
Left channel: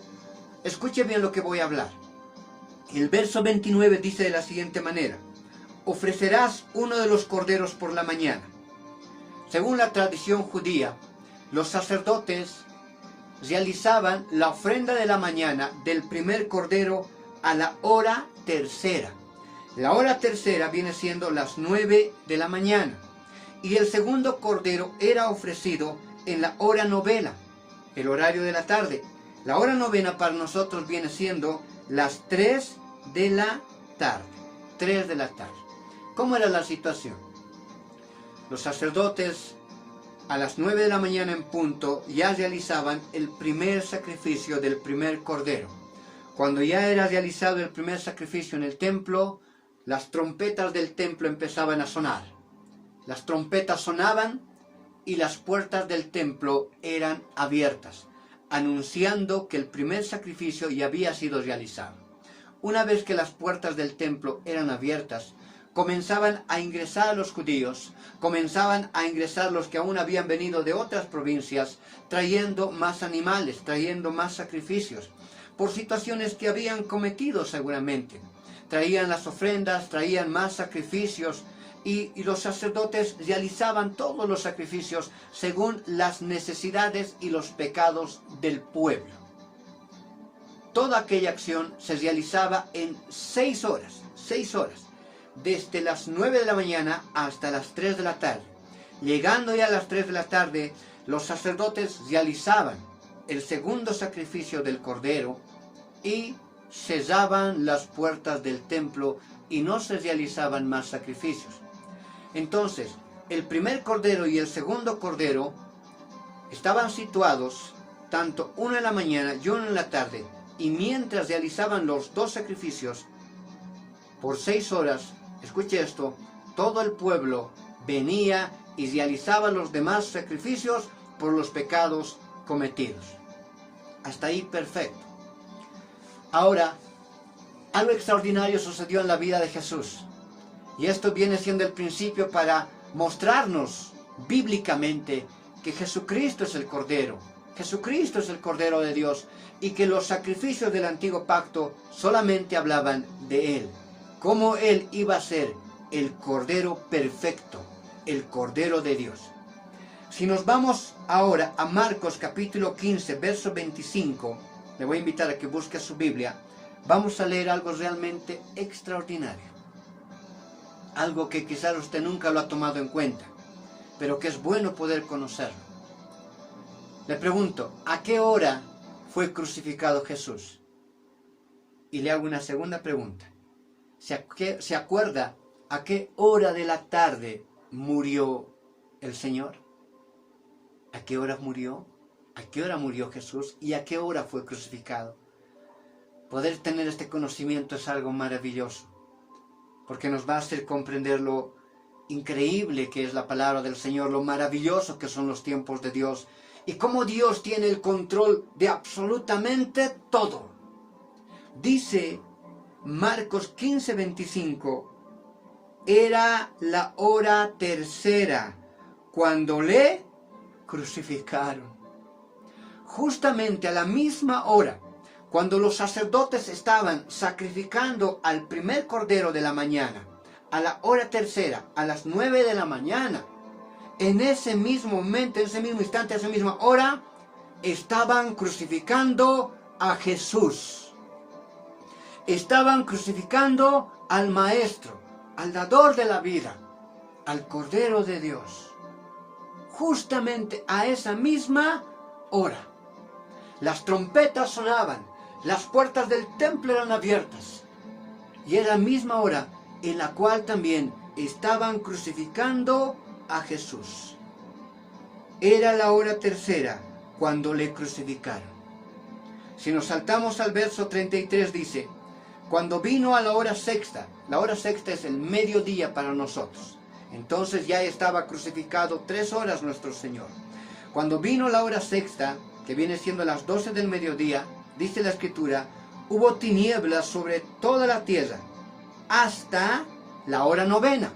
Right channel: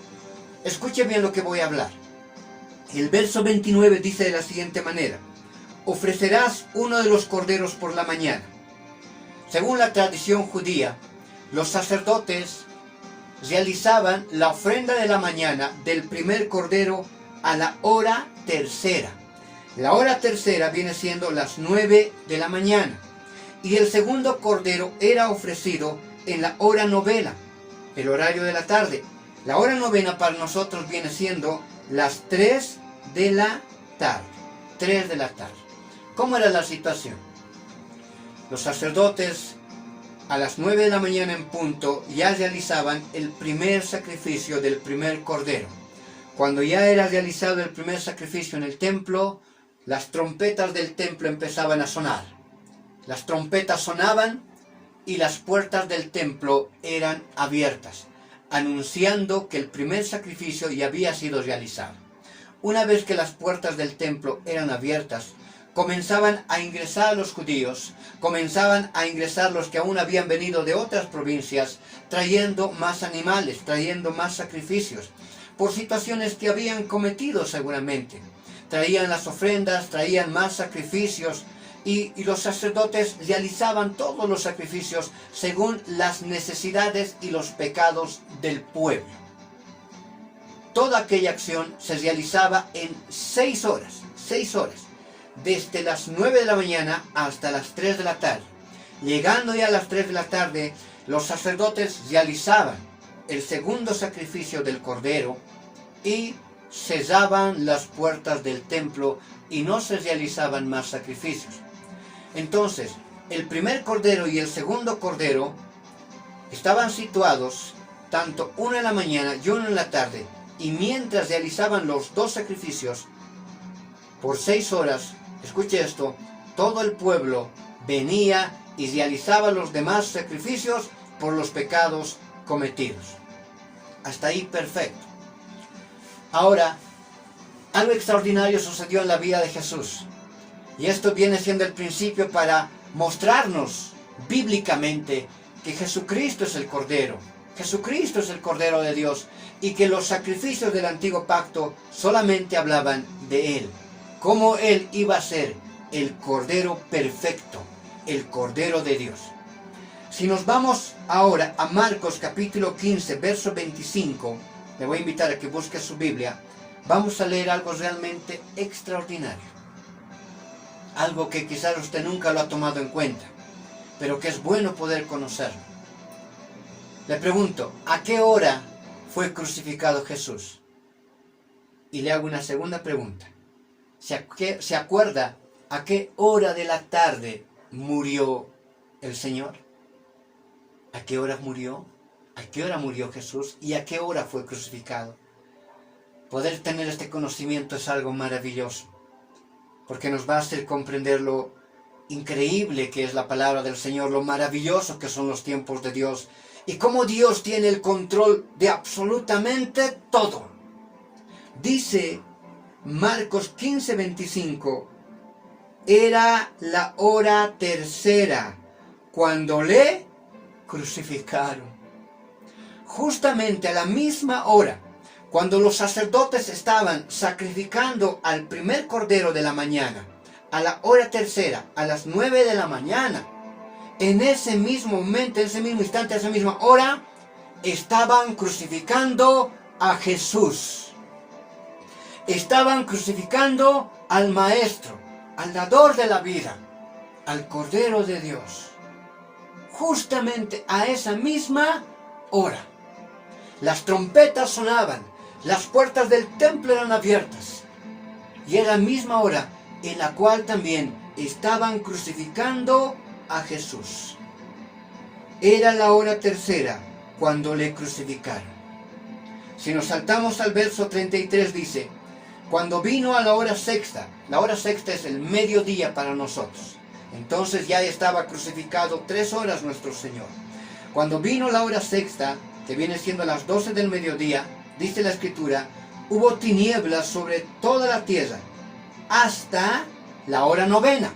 escuche bien lo que voy a hablar. El verso 29 dice de la siguiente manera. Ofrecerás uno de los corderos por la mañana. Según la tradición judía, los sacerdotes realizaban la ofrenda de la mañana del primer cordero a la hora tercera. La hora tercera viene siendo las 9 de la mañana. Y el segundo cordero era ofrecido en la hora novena, el horario de la tarde. La hora novena para nosotros viene siendo las 3 de la tarde. 3 de la tarde. ¿Cómo era la situación? Los sacerdotes a las 9 de la mañana en punto ya realizaban el primer sacrificio del primer cordero. Cuando ya era realizado el primer sacrificio en el templo, las trompetas del templo empezaban a sonar. Las trompetas sonaban y las puertas del templo eran abiertas, anunciando que el primer sacrificio ya había sido realizado. Una vez que las puertas del templo eran abiertas, comenzaban a ingresar los judíos, comenzaban a ingresar los que aún habían venido de otras provincias, trayendo más animales, trayendo más sacrificios, por situaciones que habían cometido seguramente. Traían las ofrendas, traían más sacrificios, y los sacerdotes realizaban todos los sacrificios según las necesidades y los pecados del pueblo. Toda aquella acción se realizaba en 6 horas, desde las 9 de la mañana hasta las 3 de la tarde. Llegando ya a las 3 de la tarde, los sacerdotes realizaban el segundo sacrificio del cordero y cesaban las puertas del templo y no se realizaban más sacrificios. Entonces, el primer cordero y el segundo cordero estaban situados tanto uno en la mañana y uno en la tarde, y mientras realizaban los dos sacrificios, por 6 horas, escuche esto, todo el pueblo venía y realizaba los demás sacrificios por los pecados cometidos. Hasta ahí perfecto. Ahora, algo extraordinario sucedió en la vida de Jesús. Y esto viene siendo el principio para mostrarnos bíblicamente que Jesucristo es el Cordero. Jesucristo es el Cordero de Dios y que los sacrificios del antiguo pacto solamente hablaban de Él. Cómo Él iba a ser el Cordero perfecto, el Cordero de Dios. Si nos vamos ahora a Marcos capítulo 15, verso 25, le voy a invitar a que busque su Biblia, vamos a leer algo realmente extraordinario. Algo que quizás usted nunca lo ha tomado en cuenta, pero que es bueno poder conocerlo. Le pregunto, ¿a qué hora fue crucificado Jesús? Y le hago una segunda pregunta. ¿Se acuerda a qué hora de la tarde murió el Señor? ¿A qué hora murió? ¿A qué hora murió Jesús? ¿Y a qué hora fue crucificado? Poder tener este conocimiento es algo maravilloso, porque nos va a hacer comprender lo increíble que es la palabra del Señor, lo maravilloso que son los tiempos de Dios, y cómo Dios tiene el control de absolutamente todo. Dice Marcos 15, 25, era la hora tercera cuando le crucificaron. Justamente a la misma hora, cuando los sacerdotes estaban sacrificando al primer cordero de la mañana, a la hora tercera, a las 9 de la mañana, en ese mismo momento, en ese mismo instante, en esa misma hora, estaban crucificando a Jesús. Estaban crucificando al Maestro, al dador de la vida, al Cordero de Dios. Justamente a esa misma hora. Las trompetas sonaban, las puertas del templo eran abiertas. Y era la misma hora en la cual también estaban crucificando a Jesús. Era la hora tercera cuando le crucificaron. Si nos saltamos al verso 33 dice, cuando vino a la hora sexta es el mediodía para nosotros. Entonces ya estaba crucificado 3 horas nuestro Señor. Cuando vino la hora sexta, que viene siendo a las 12 del mediodía, dice la Escritura, hubo tinieblas sobre toda la tierra, hasta la hora novena.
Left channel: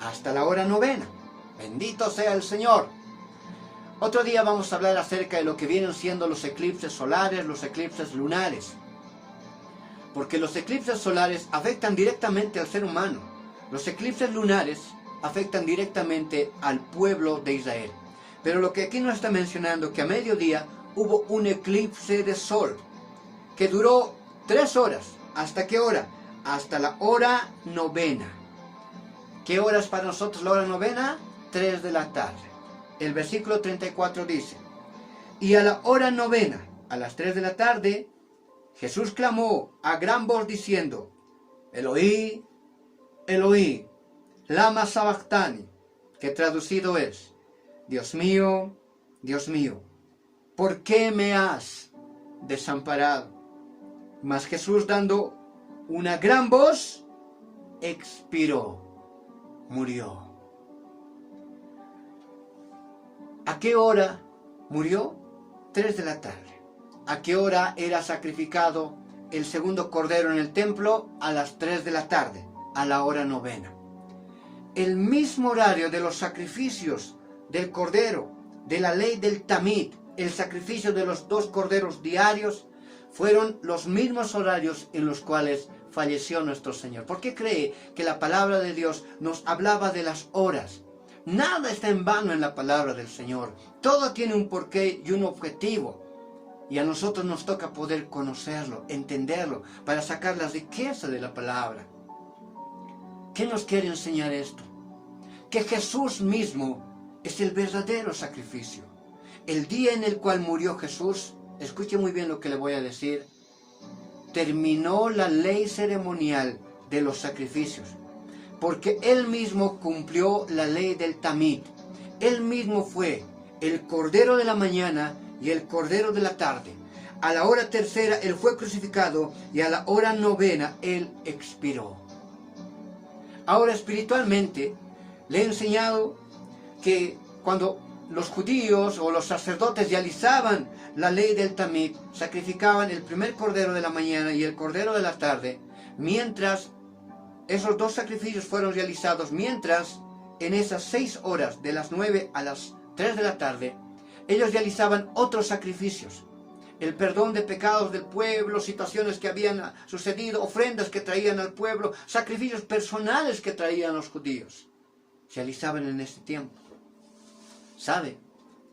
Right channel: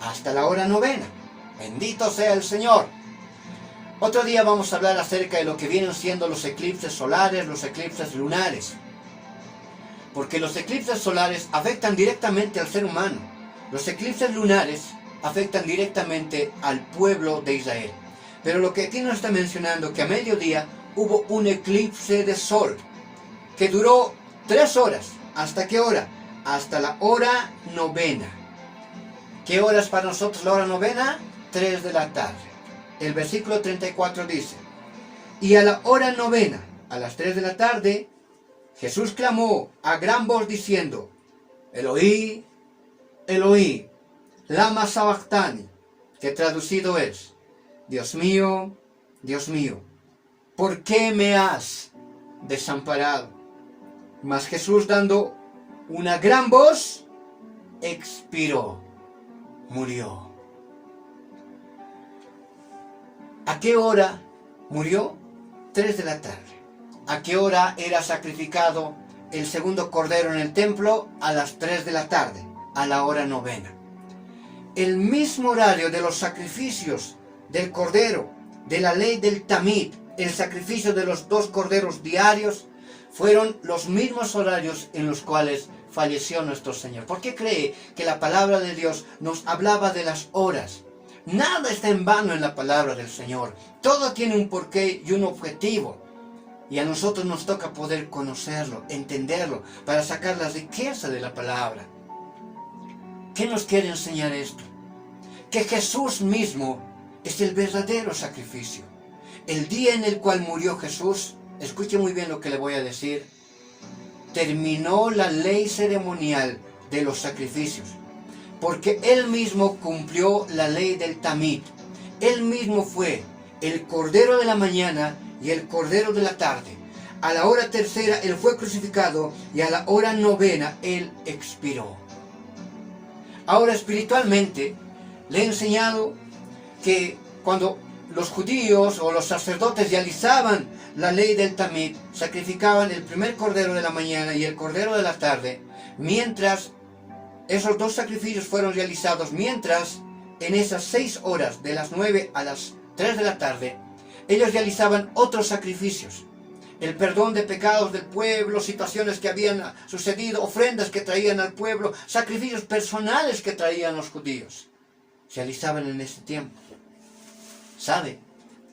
Hasta la hora novena. Bendito sea el Señor. Otro día vamos a hablar acerca de lo que vienen siendo los eclipses solares, los eclipses lunares. Porque los eclipses solares afectan directamente al ser humano. Los eclipses lunares afectan directamente al pueblo de Israel. Pero lo que aquí nos está mencionando, que a mediodía hubo un eclipse de sol, que duró 3 horas. ¿Hasta qué hora? Hasta la hora novena. ¿Qué hora es para nosotros la hora novena? 3 de la tarde. El versículo 34 dice, y a la hora novena, a las 3 de la tarde, Jesús clamó a gran voz diciendo, Eloí, Eloí, lama sabactani, que traducido es, Dios mío, ¿por qué me has desamparado? Mas Jesús, dando una gran voz, expiró, murió. ¿A qué hora murió? 3 de la tarde. ¿A qué hora era sacrificado el segundo cordero en el templo? A las 3 de la tarde, a la hora novena. El mismo horario de los sacrificios del cordero, de la ley del tamid, el sacrificio de los 2 corderos diarios, fueron los mismos horarios en los cuales falleció nuestro Señor. ¿Por qué cree que la palabra de Dios nos hablaba de las horas? Nada está en vano en la palabra del Señor. Todo tiene un porqué y un objetivo. Y a nosotros nos toca poder conocerlo, entenderlo, para sacar la riqueza de la palabra. ¿Qué nos quiere enseñar esto? Que Jesús mismo es el verdadero sacrificio. El día en el cual murió Jesús, escuche muy bien lo que le voy a decir, terminó la ley ceremonial de los sacrificios, porque Él mismo cumplió la ley del Tamid. Él mismo fue el Cordero de la mañana y el Cordero de la tarde. A la hora tercera Él fue crucificado y a la hora novena Él expiró. Ahora espiritualmente le he enseñado que cuando los judíos o los sacerdotes realizaban la ley del Tamid, sacrificaban el primer cordero de la mañana y el cordero de la tarde, mientras esos dos sacrificios fueron realizados, mientras en esas 6 horas, de las 9 a las 3 de la tarde, ellos realizaban otros sacrificios. El perdón de pecados del pueblo, situaciones que habían sucedido, ofrendas que traían al pueblo, sacrificios personales que traían los judíos, se realizaban en ese tiempo. ¿Sabe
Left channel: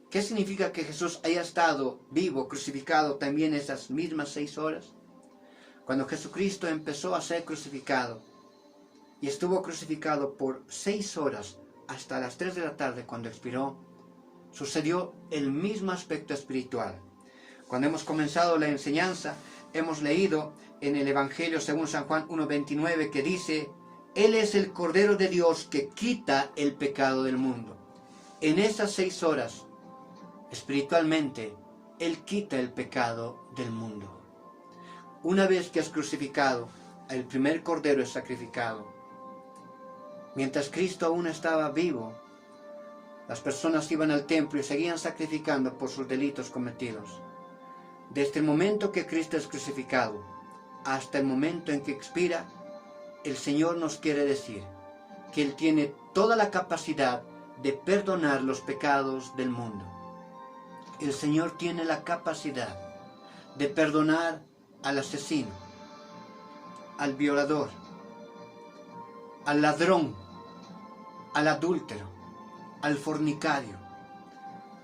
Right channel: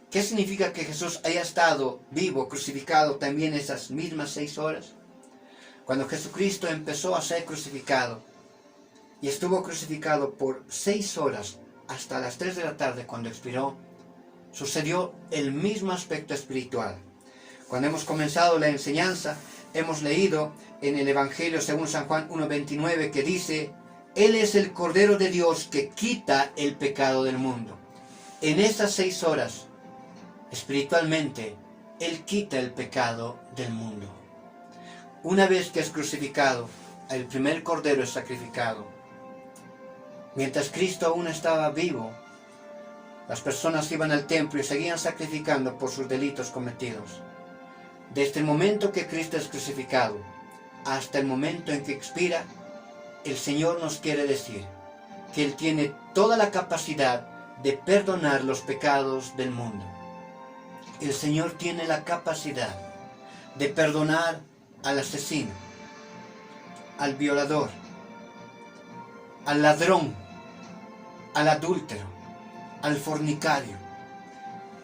qué significa que Jesús haya estado vivo, crucificado también esas mismas 6 horas? Cuando Jesucristo empezó a ser crucificado y estuvo crucificado por 6 horas hasta las 3 de la tarde cuando expiró, sucedió el mismo aspecto espiritual. Cuando hemos comenzado la enseñanza, hemos leído en el Evangelio según San Juan 1:29 que dice: Él es el Cordero de Dios que quita el pecado del mundo. En esas 6 horas, espiritualmente, Él quita el pecado del mundo. Una vez que es crucificado, el primer Cordero es sacrificado. Mientras Cristo aún estaba vivo, las personas iban al templo y seguían sacrificando por sus delitos cometidos. Desde el momento que Cristo es crucificado hasta el momento en que expira, el Señor nos quiere decir que Él tiene toda la capacidad de perdonar los pecados del mundo. El Señor tiene la capacidad de perdonar al asesino, al violador, al ladrón, al adúltero, al fornicario.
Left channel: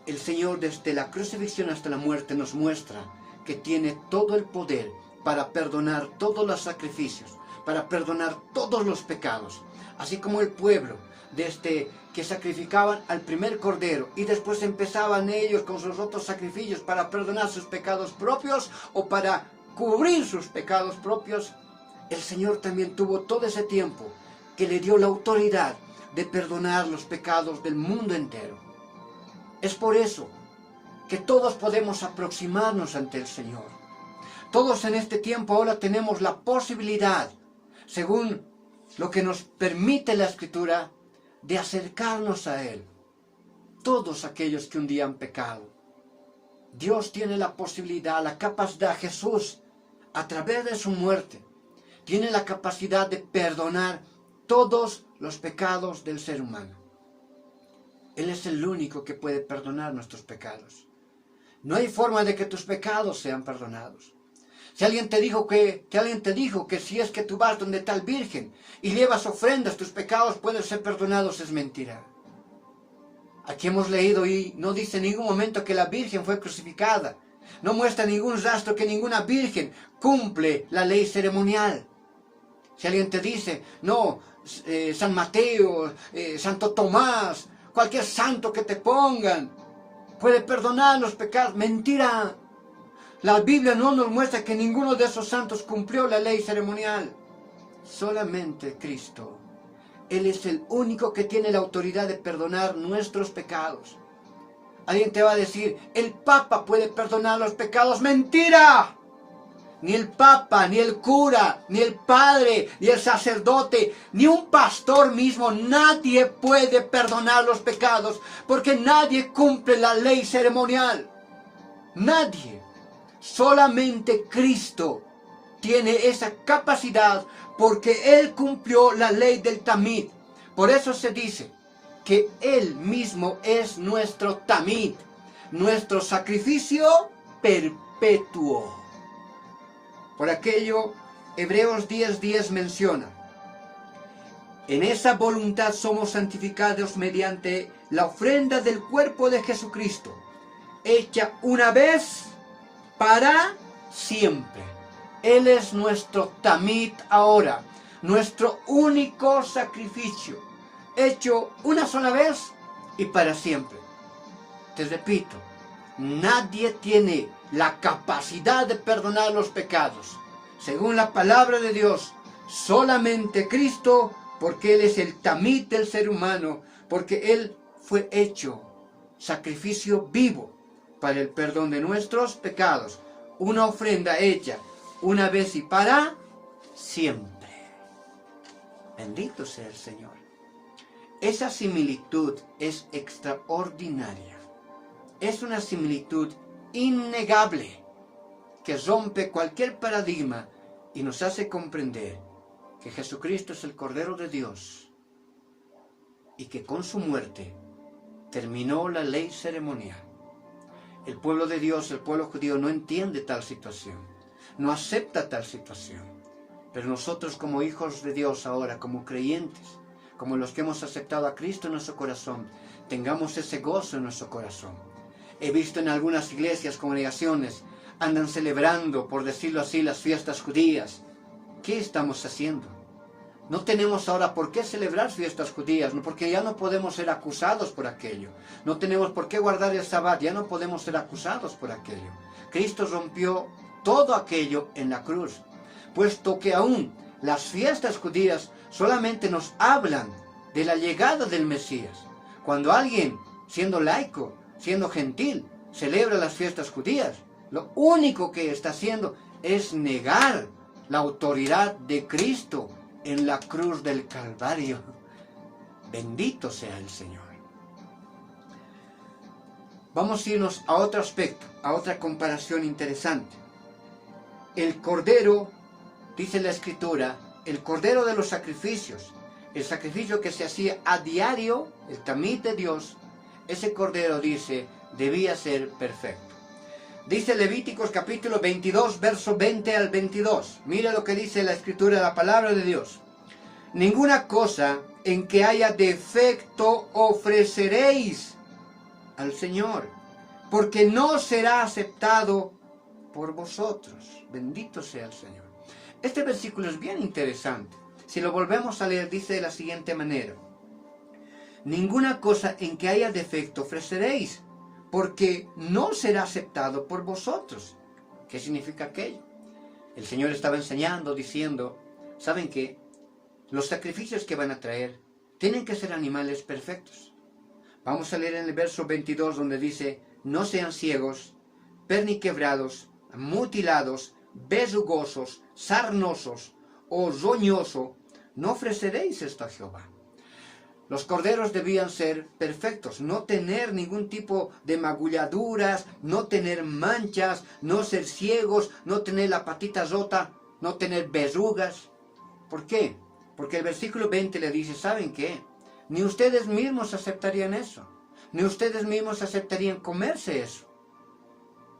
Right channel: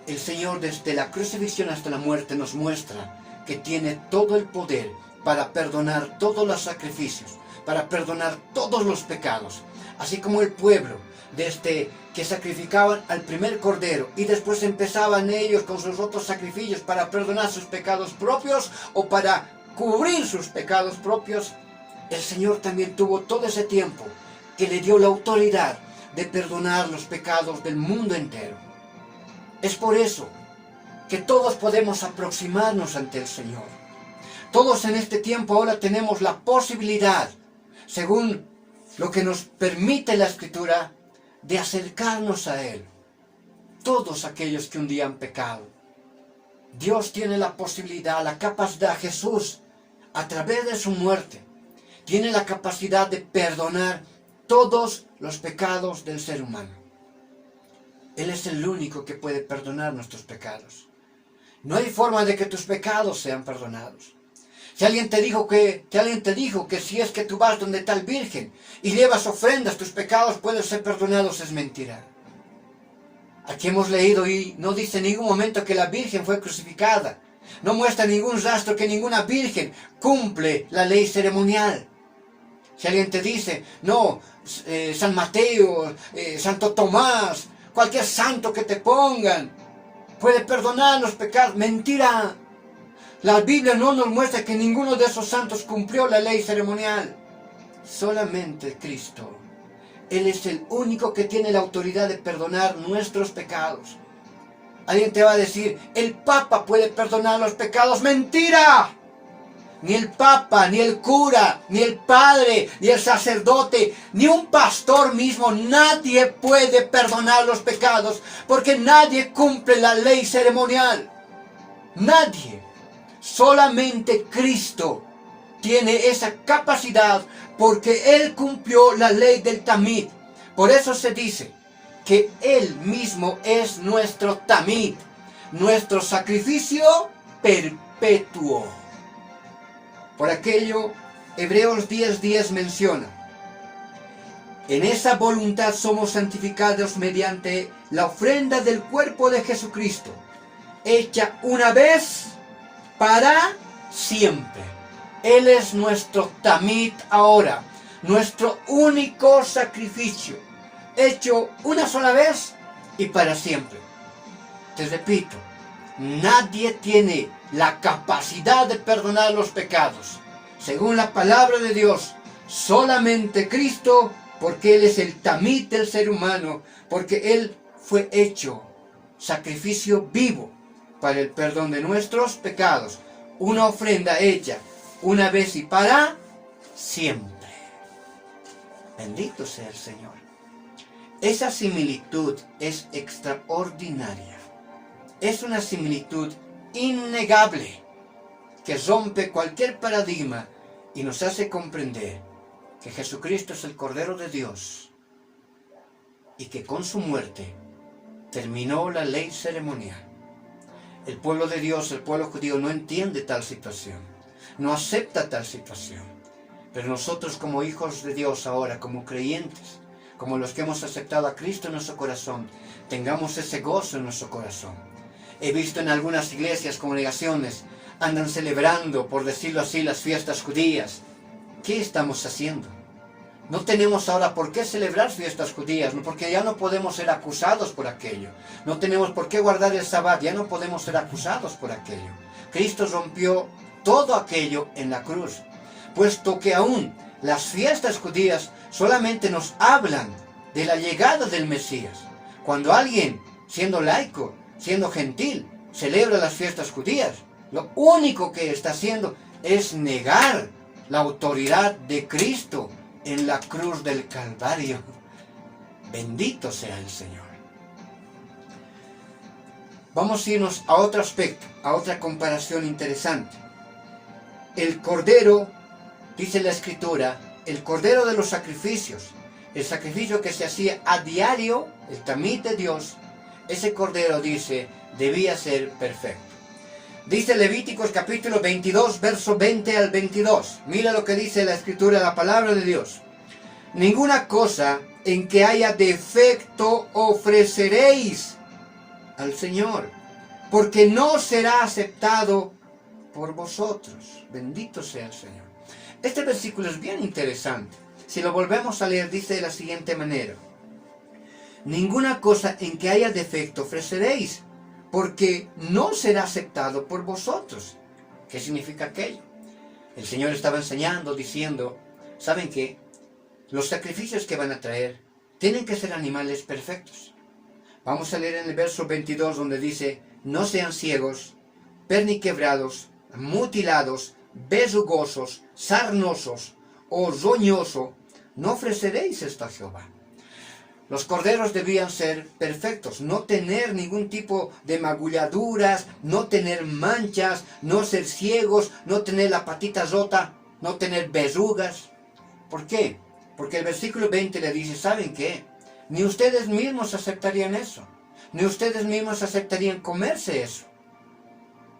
El Señor desde la crucifixión hasta la muerte nos muestra que tiene todo el poder para perdonar todos los sacrificios, para perdonar todos los pecados. Así como el pueblo, desde que sacrificaban al primer cordero y después empezaban ellos con sus otros sacrificios para perdonar sus pecados propios o para cubrir sus pecados propios, el Señor también tuvo todo ese tiempo que le dio la autoridad de perdonar los pecados del mundo entero. Es por eso que todos podemos aproximarnos ante el Señor. Todos en este tiempo ahora tenemos la posibilidad, según lo que nos permite la Escritura, de acercarnos a Él. Todos aquellos que un día han pecado. Dios tiene la posibilidad, la capacidad, Jesús, a través de su muerte, tiene la capacidad de perdonar todos los pecados del ser humano. Él es el único que puede perdonar nuestros pecados. No hay forma de que tus pecados sean perdonados. Si alguien te dijo que si es que tú vas donde tal virgen y llevas ofrendas, tus pecados pueden ser perdonados, es mentira. Aquí hemos leído y no dice en ningún momento que la virgen fue crucificada. No muestra ningún rastro que ninguna virgen cumple la ley ceremonial. Si alguien te dice, no, San Mateo, Santo Tomás, cualquier santo que te pongan puede perdonar los pecados, mentira. La Biblia no nos muestra que ninguno de esos santos cumplió la ley ceremonial. Solamente Cristo. Él es el único que tiene la autoridad de perdonar nuestros pecados. Alguien te va a decir, el Papa puede perdonar los pecados. ¡Mentira! Ni el Papa, ni el cura, ni el padre, ni el sacerdote, ni un pastor mismo, nadie puede perdonar los pecados, porque nadie cumple la ley ceremonial. Nadie. Solamente Cristo tiene esa capacidad, porque Él cumplió la ley del Tamid. Por eso se dice que Él mismo es nuestro Tamid, nuestro sacrificio perpetuo. Por aquello, Hebreos 10:10 menciona: en esa voluntad somos santificados mediante la ofrenda del cuerpo de Jesucristo, hecha una vez para siempre. Él es nuestro Tamid ahora, nuestro único sacrificio, hecho una sola vez y para siempre. Te repito, nadie tiene la capacidad de perdonar los pecados. Según la palabra de Dios, solamente Cristo, porque Él es el tamid del ser humano, porque Él fue hecho sacrificio vivo para el perdón de nuestros pecados. Una ofrenda hecha una vez y para siempre. Bendito sea el Señor. Esa similitud es extraordinaria. Es una similitud innegable que rompe cualquier paradigma y nos hace comprender que Jesucristo es el Cordero de Dios y que con su muerte terminó la ley ceremonial. El pueblo de Dios, el pueblo judío, no entiende tal situación, no acepta tal situación. Pero nosotros como hijos de Dios ahora, como creyentes, como los que hemos aceptado a Cristo en nuestro corazón, tengamos ese gozo en nuestro corazón. He visto en algunas iglesias, congregaciones, andan celebrando, por decirlo así, las fiestas judías. ¿Qué estamos haciendo? No tenemos ahora por qué celebrar fiestas judías, porque ya no podemos ser acusados por aquello. No tenemos por qué guardar el sabbat, ya no podemos ser acusados por aquello. Cristo rompió todo aquello en la cruz, puesto que aún las fiestas judías solamente nos hablan de la llegada del Mesías. Cuando alguien, siendo laico, siendo gentil, celebra las fiestas judías, lo único que está haciendo es negar la autoridad de Cristo en la cruz del Calvario. Bendito sea el Señor. Vamos a irnos a otro aspecto, a otra comparación interesante. El Cordero, dice la Escritura, el Cordero de los sacrificios, el sacrificio que se hacía a diario, el tamid de Dios, ese Cordero, dice, debía ser perfecto. Dice Levíticos capítulo 22, verso 20 al 22. Mira lo que dice la Escritura, la palabra de Dios. Ninguna cosa en que haya defecto ofreceréis al Señor, porque no será aceptado por vosotros. Bendito sea el Señor. Este versículo es bien interesante. Si lo volvemos a leer, dice de la siguiente manera. Ninguna cosa en que haya defecto ofreceréis, porque no será aceptado por vosotros. ¿Qué significa aquello? El Señor estaba enseñando, diciendo, ¿saben qué? Los sacrificios que van a traer tienen que ser animales perfectos. Vamos a leer en el verso 22 donde dice, no sean ciegos, perniquebrados, mutilados, besugosos, sarnosos o roñoso, no ofreceréis esto a Jehová. Los corderos debían ser perfectos, no tener ningún tipo de magulladuras, no tener manchas, no ser ciegos, no tener la patita rota, no tener verrugas. ¿Por qué? Porque el versículo 20 le dice, ¿saben qué? Ni ustedes mismos aceptarían eso, ni ustedes mismos aceptarían comerse eso.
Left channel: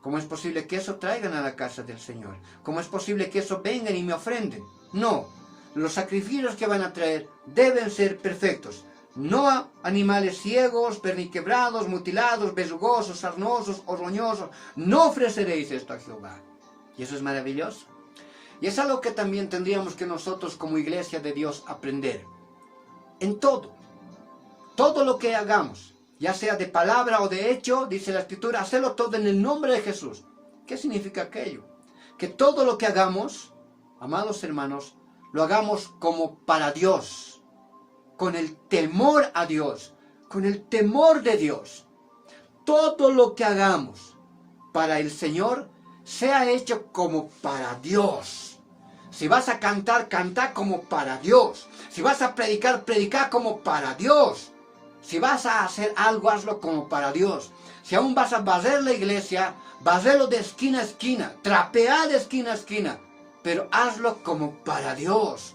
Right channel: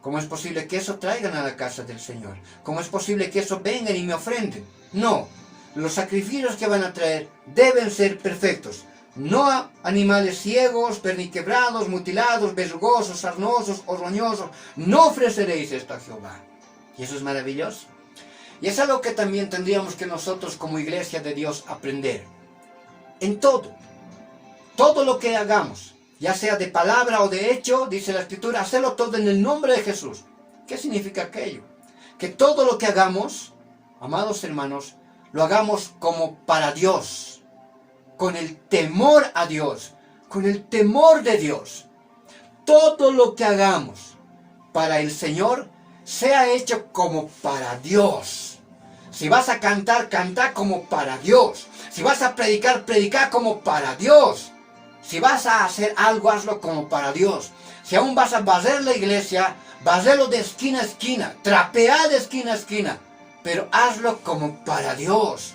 ¿Cómo es posible que eso traigan a la casa del Señor? ¿Cómo es posible que eso vengan y me ofrenden? No, los sacrificios que van a traer deben ser perfectos. No a animales ciegos, perniquebrados, mutilados, besugosos, sarnosos o roñosos. No ofreceréis esto a Jehová. Y eso es maravilloso. Y es algo que también tendríamos que nosotros como iglesia de Dios aprender. En todo lo que hagamos, ya sea de palabra o de hecho, dice la Escritura, hacerlo todo en el nombre de Jesús. ¿Qué significa aquello? Que todo lo que hagamos, amados hermanos, lo hagamos como para Dios, con el temor a Dios, con el temor de Dios. Todo lo que hagamos para el Señor, sea hecho como para Dios. Si vas a cantar, canta como para Dios. Si vas a predicar, predica como para Dios. Si vas a hacer algo, hazlo como para Dios. Si aún vas a barrer la iglesia, barrelo de esquina a esquina, trapea de esquina a esquina, pero hazlo como para Dios.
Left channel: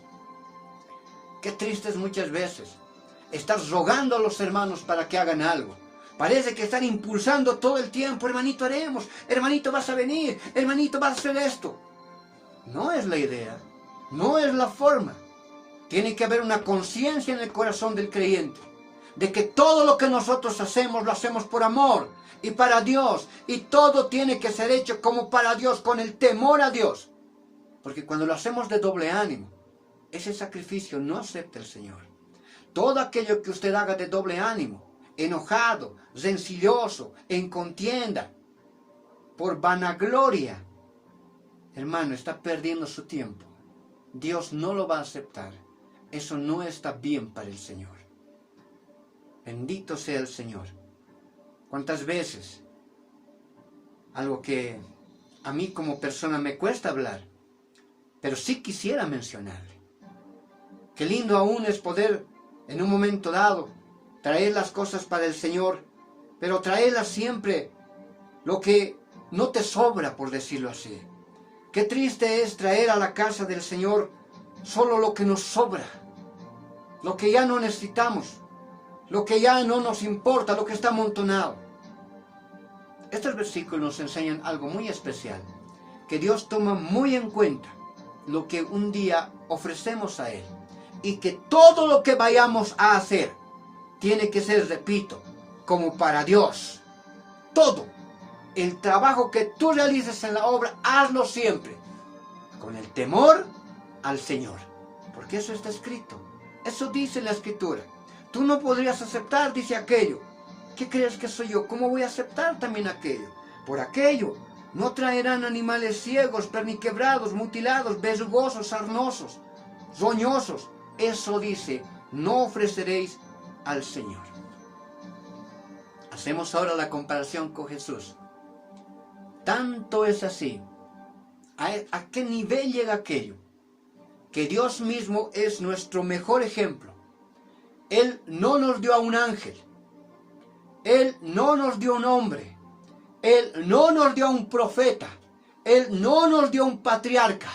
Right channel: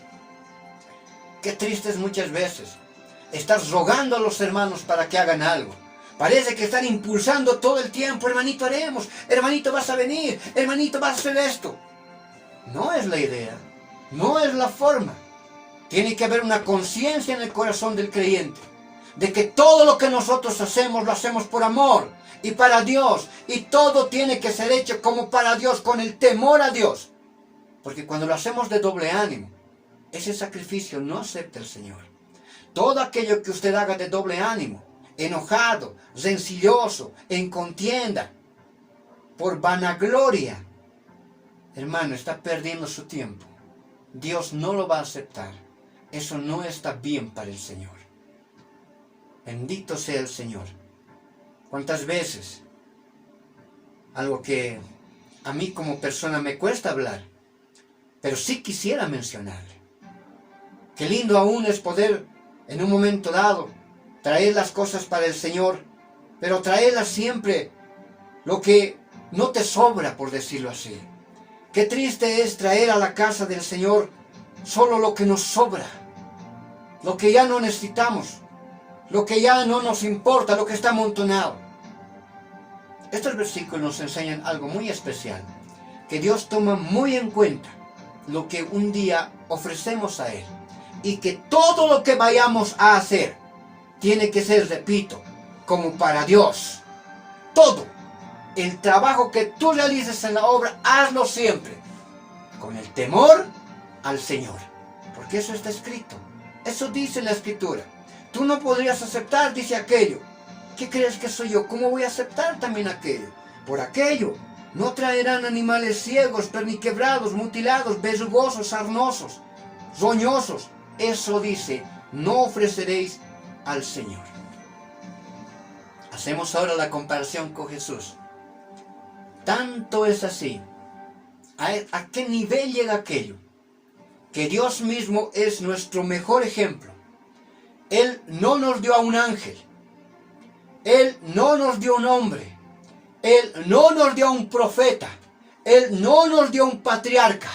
Qué triste es muchas veces estás rogando a los hermanos para que hagan algo. Parece que están impulsando todo el tiempo, hermanito haremos, hermanito vas a venir, hermanito vas a hacer esto. No es la idea, no es la forma. Tiene que haber una conciencia en el corazón del creyente de que todo lo que nosotros hacemos lo hacemos por amor y para Dios, y todo tiene que ser hecho como para Dios, con el temor a Dios. Porque cuando lo hacemos de doble ánimo, ese sacrificio no acepta el Señor. Todo aquello que usted haga de doble ánimo, enojado, rencilloso, en contienda, por vanagloria, hermano, está perdiendo su tiempo. Dios no lo va a aceptar. Eso no está bien para el Señor. Bendito sea el Señor. ¿Cuántas veces? Algo que a mí como persona me cuesta hablar, pero sí quisiera mencionarle. Qué lindo aún es poder, en un momento dado, traer las cosas para el Señor, pero traerlas siempre lo que no te sobra, por decirlo así. Qué triste es traer a la casa del Señor solo lo que nos sobra, lo que ya no necesitamos, lo que ya no nos importa, lo que está amontonado. Estos versículos nos enseñan algo muy especial, que Dios toma muy en cuenta lo que un día ofrecemos a Él, y que todo lo que vayamos a hacer tiene que ser, repito, como para Dios. Todo el trabajo que tú realices en la obra, hazlo siempre con el temor al Señor, porque eso está escrito, eso dice la Escritura. Tú no podrías aceptar, dice aquello. ¿Qué crees que soy yo? ¿Cómo voy a aceptar también aquello? Por aquello no traerán animales ciegos, perniquebrados, mutilados, verrugosos, sarnosos, roñosos. Eso dice, no ofreceréis al Señor. Hacemos ahora la comparación con Jesús. Tanto es así. ¿A qué nivel llega aquello? Que Dios mismo es nuestro mejor ejemplo. Él no nos dio a un ángel. Él no nos dio un hombre. Él no nos dio a un profeta. Él no nos dio a un patriarca.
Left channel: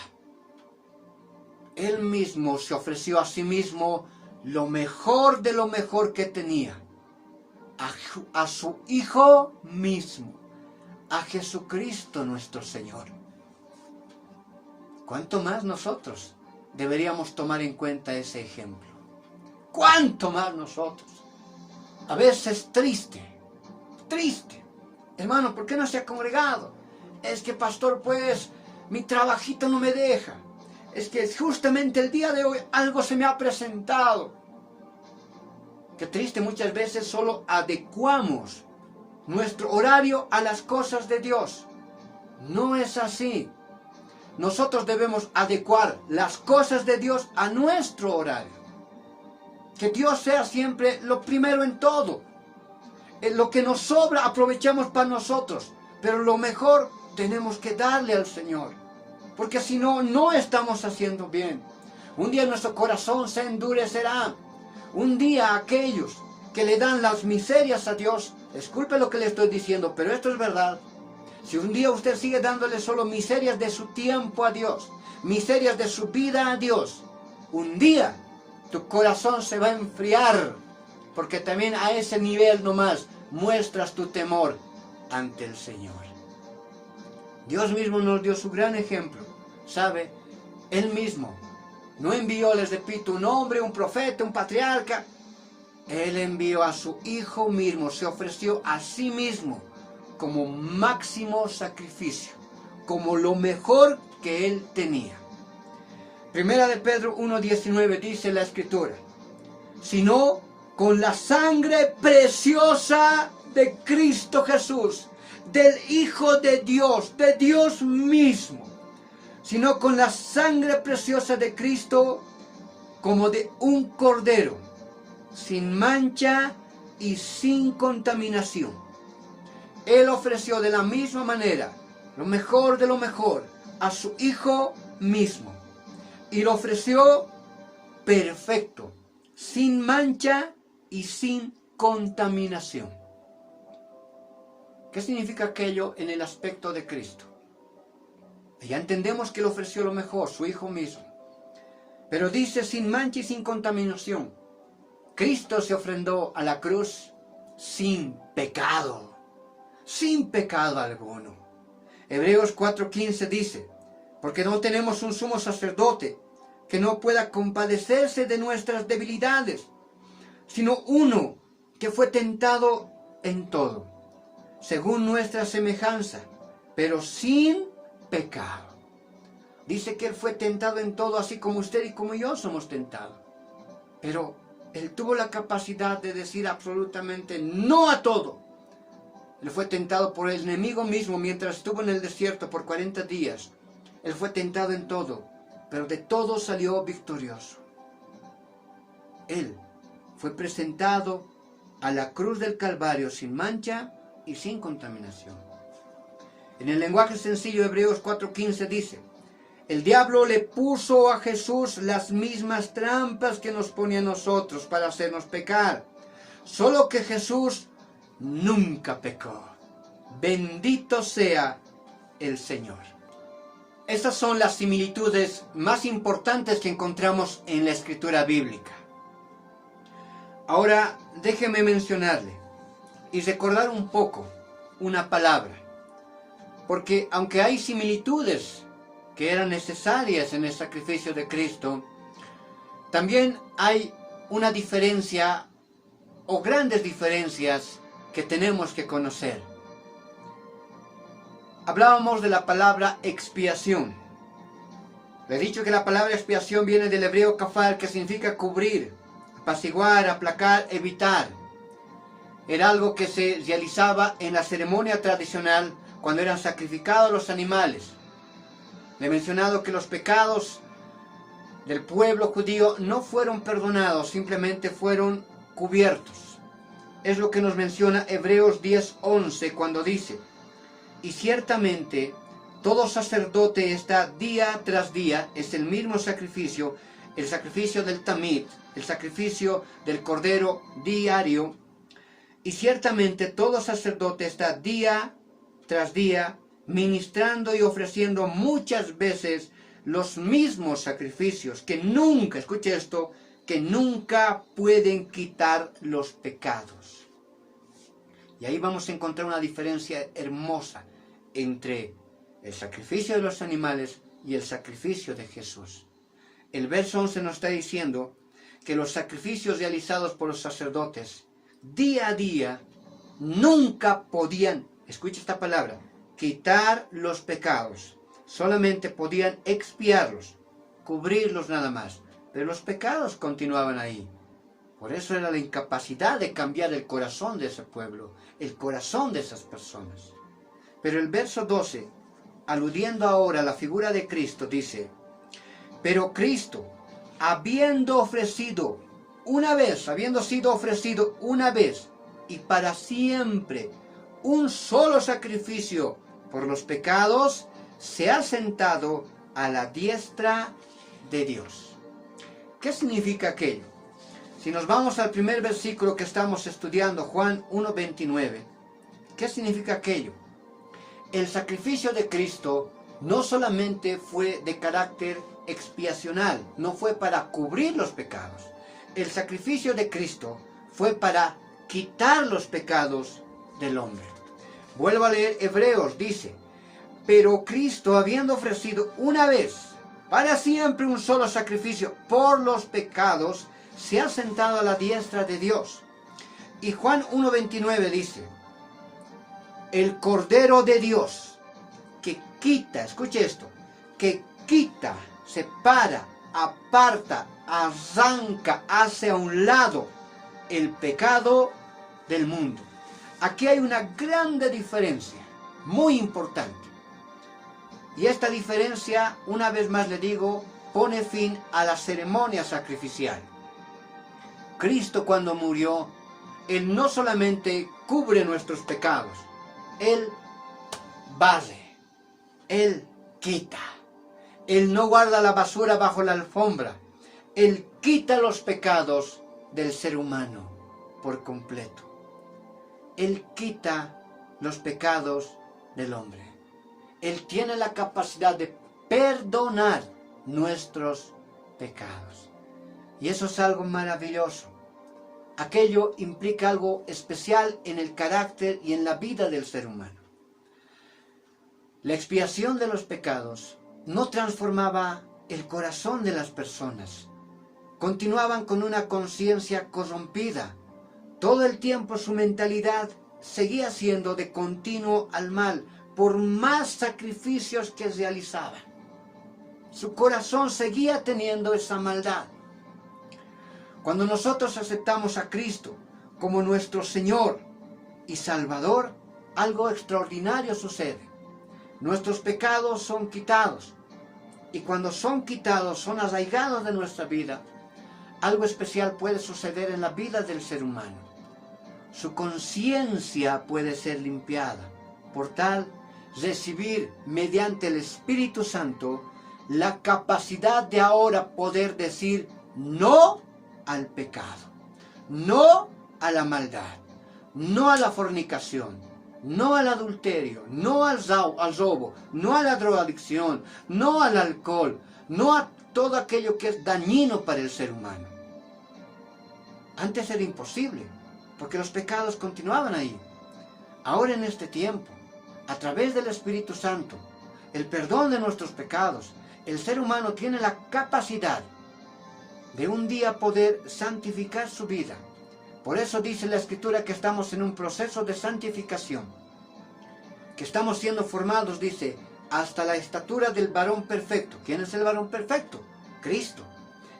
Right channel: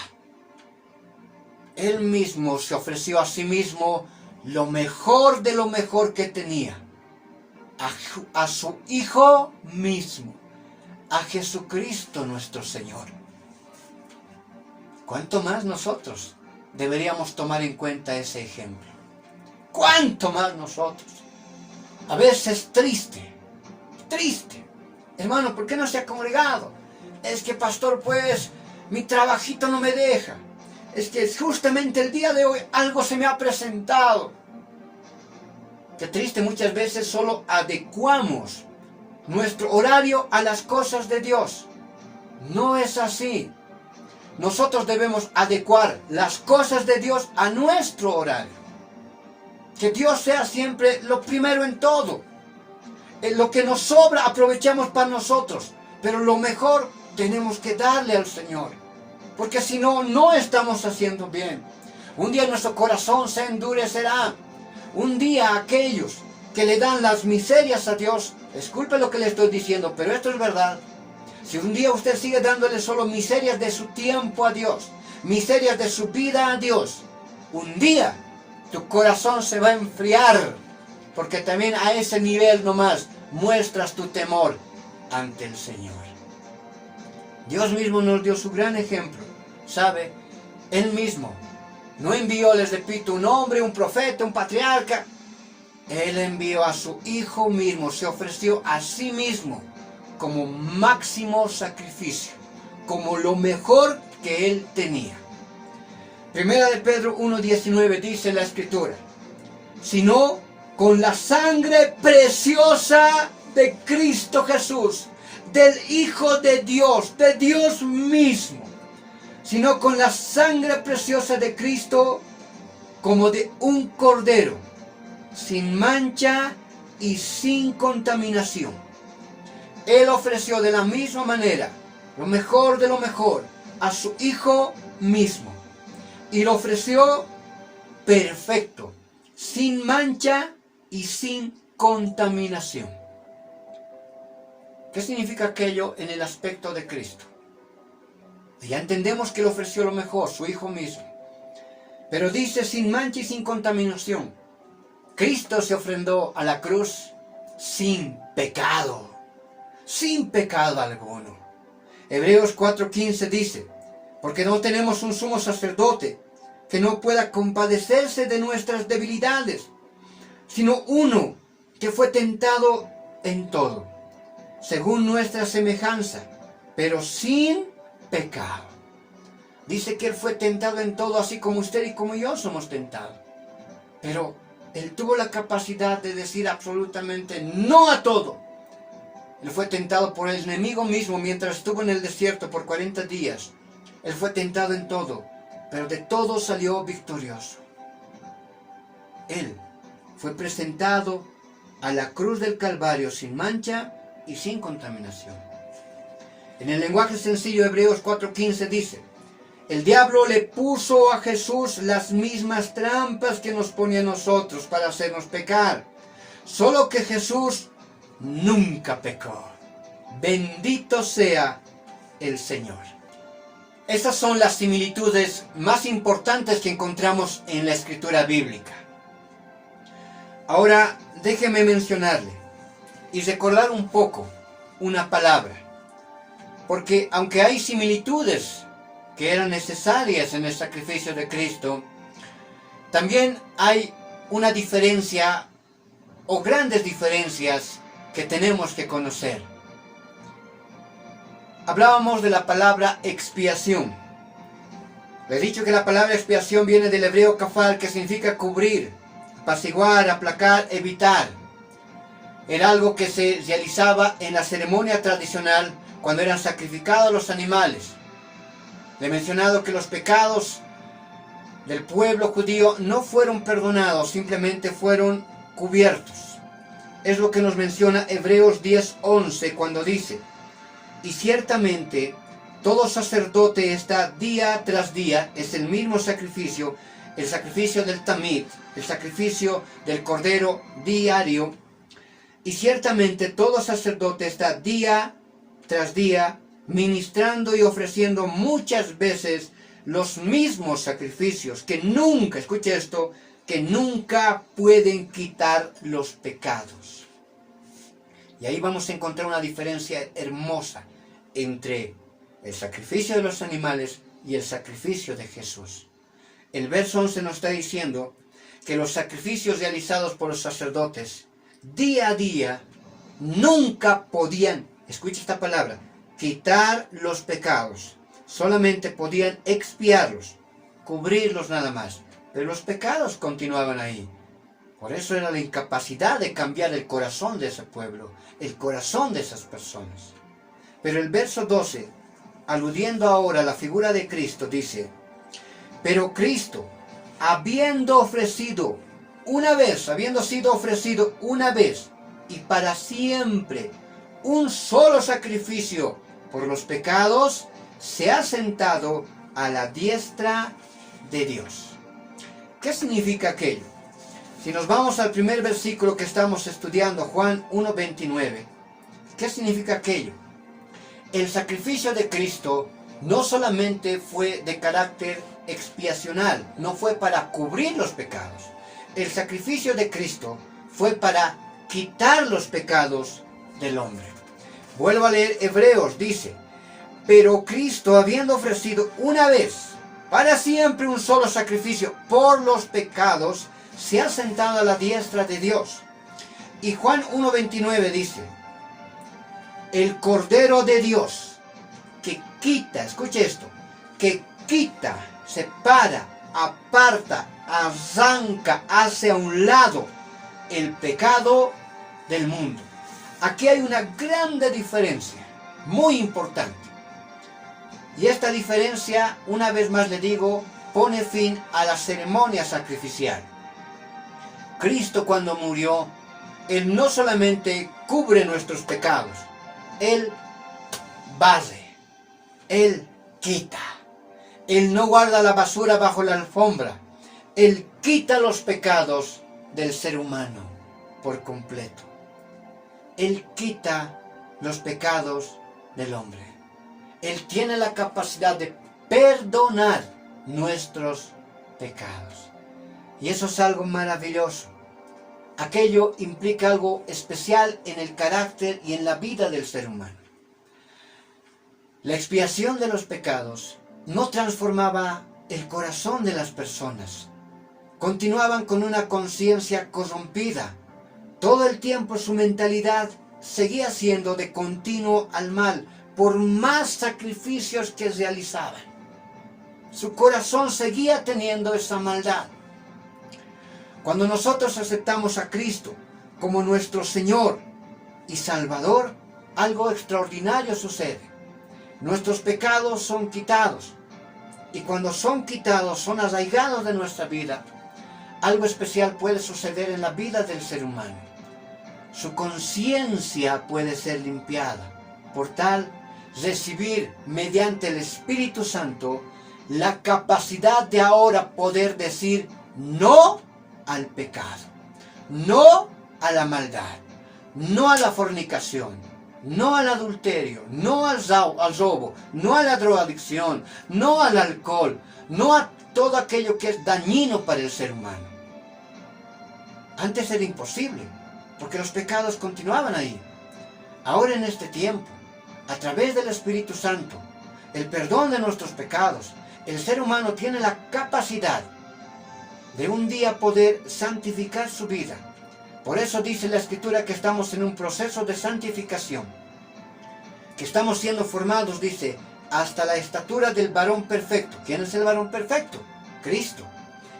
Él mismo se ofreció a sí mismo lo mejor de lo mejor que tenía. A su Hijo mismo. A Jesucristo nuestro Señor. ¿Cuánto más nosotros deberíamos tomar en cuenta ese ejemplo? ¿Cuánto más nosotros? A veces triste. Hermano, ¿por qué no se ha congregado? Es que, pastor, pues, mi trabajito no me deja. Es que justamente el día de hoy algo se me ha presentado. Qué triste, muchas veces solo adecuamos nuestro horario a las cosas de Dios. No es así. Nosotros debemos adecuar las cosas de Dios a nuestro horario. Que Dios sea siempre lo primero en todo. Lo que nos sobra aprovechamos para nosotros, pero lo mejor tenemos que darle al Señor, porque si no, no estamos haciendo bien. Un día nuestro corazón se endurecerá. Un día aquellos que le dan las miserias a Dios, disculpen lo que le estoy diciendo, pero esto es verdad. Si un día usted sigue dándole solo miserias de su tiempo a Dios, miserias de su vida a Dios, un día tu corazón se va a enfriar, porque también a ese nivel nomás muestras tu temor ante el Señor. Dios mismo nos dio su gran ejemplo, ¿sabe? Él mismo no envió, les repito, un hombre, un profeta, un patriarca. Él envió a su Hijo mismo, se ofreció a sí mismo como máximo sacrificio, como lo mejor que Él tenía. Primera de Pedro 1:19 dice la Escritura, sino con la sangre preciosa de Cristo Jesús, del Hijo de Dios mismo, sino con la sangre preciosa de Cristo, como de un cordero, sin mancha y sin contaminación. Él ofreció de la misma manera lo mejor de lo mejor a su Hijo mismo, y lo ofreció perfecto, sin mancha y sin contaminación. ¿Qué significa aquello en el aspecto de Cristo? Ya entendemos que Él ofreció lo mejor, su Hijo mismo. Pero dice sin mancha y sin contaminación. Cristo se ofrendó a la cruz sin pecado alguno. Hebreos 4:15 dice, porque no tenemos un sumo sacerdote que no pueda compadecerse de nuestras debilidades, sino uno que fue tentado en todo, según nuestra semejanza, pero sin pecado. Dice que Él fue tentado en todo, así como usted y como yo somos tentados. Pero Él tuvo la capacidad de decir absolutamente no a todo. Él fue tentado por el enemigo mismo mientras estuvo en el desierto por 40 días. Él fue tentado en todo, pero de todo salió victorioso. Él fue presentado a la cruz del Calvario sin mancha y sin contaminación. En el lenguaje sencillo Hebreos 4:15 dice: el diablo le puso a Jesús las mismas trampas que nos ponía a nosotros para hacernos pecar. Solo que Jesús nunca pecó. Bendito sea el Señor. Esas son las similitudes más importantes que encontramos en la escritura bíblica. Ahora déjeme mencionarle y recordar un poco una palabra, porque aunque hay similitudes que eran necesarias en el sacrificio de Cristo, también hay una diferencia o grandes diferencias que tenemos que conocer. Hablábamos de la palabra expiación. Le he dicho que la palabra expiación viene del hebreo kafar, que significa cubrir, apaciguar, aplacar, evitar. Era algo que se realizaba en la ceremonia tradicional cuando eran sacrificados los animales. Le he mencionado que los pecados del pueblo judío no fueron perdonados, simplemente fueron cubiertos. Es lo que nos menciona Hebreos 10:11 cuando dice: y ciertamente todo sacerdote está día tras día, es el mismo sacrificio, el sacrificio del tamid, el sacrificio del cordero diario, y ciertamente todo sacerdote está día tras día ministrando y ofreciendo muchas veces los mismos sacrificios que nunca, escuche esto, que nunca pueden quitar los pecados. Y ahí vamos a encontrar una diferencia hermosa entre el sacrificio de los animales y el sacrificio de Jesús. El verso 11 nos está diciendo que los sacrificios realizados por los sacerdotes día a día nunca podían, escucha esta palabra, quitar los pecados. Solamente podían expiarlos, cubrirlos nada más. Pero los pecados continuaban ahí. Por eso era la incapacidad de cambiar el corazón de ese pueblo, el corazón de esas personas. Pero el verso 12, aludiendo ahora a la figura de Cristo, dice: pero Cristo, habiendo sido ofrecido una vez y para siempre un solo sacrificio por los pecados, se ha sentado a la diestra de Dios. ¿Qué significa aquello? Si nos vamos al primer versículo que estamos estudiando, Juan 1:29, ¿qué significa aquello? El sacrificio de Cristo no solamente fue de carácter expiacional, no fue para cubrir los pecados. El sacrificio de Cristo fue para quitar los pecados del hombre. Vuelvo a leer Hebreos, dice: pero Cristo, habiendo ofrecido una vez para siempre un solo sacrificio por los pecados, se ha sentado a la diestra de Dios. Y Juan 1:29 dice: el Cordero de Dios que quita, escuche esto, que quita, separa, aparta, arranca hacia un lado el pecado del mundo. Aquí hay una grande diferencia, muy importante. Y esta diferencia, una vez más le digo, pone fin a la ceremonia sacrificial. Cristo, cuando murió, Él no solamente cubre nuestros pecados, Él barre, Él quita. Él no guarda la basura bajo la alfombra. Él quita los pecados del ser humano por completo. Él quita los pecados del hombre. Él tiene la capacidad de perdonar nuestros pecados. Y eso es algo maravilloso. Aquello implica algo especial en el carácter y en la vida del ser humano. La expiación de los pecados no transformaba el corazón de las personas. Continuaban con una conciencia corrompida. Todo el tiempo su mentalidad seguía siendo de continuo al mal, por más sacrificios que realizaban. Su corazón seguía teniendo esa maldad. Cuando nosotros aceptamos a Cristo como nuestro Señor y Salvador, algo extraordinario sucede. Nuestros pecados son quitados. Y cuando son quitados, son arraigados de nuestra vida, algo especial puede suceder en la vida del ser humano. Su conciencia puede ser limpiada. Por tal, recibir mediante el Espíritu Santo la capacidad de ahora poder decir no al pecado, no a la maldad, no a la fornicación, no al adulterio, no al robo, no a la drogadicción, no al alcohol, no a todo aquello que es dañino para el ser humano. Antes era imposible, porque los pecados continuaban ahí. Ahora en este tiempo, a través del Espíritu Santo, el perdón de nuestros pecados, el ser humano tiene la capacidad de un día poder santificar su vida. Por eso dice la Escritura que estamos en un proceso de santificación, que estamos siendo formados, dice, hasta la estatura del varón perfecto. ¿Quién es el varón perfecto? Cristo.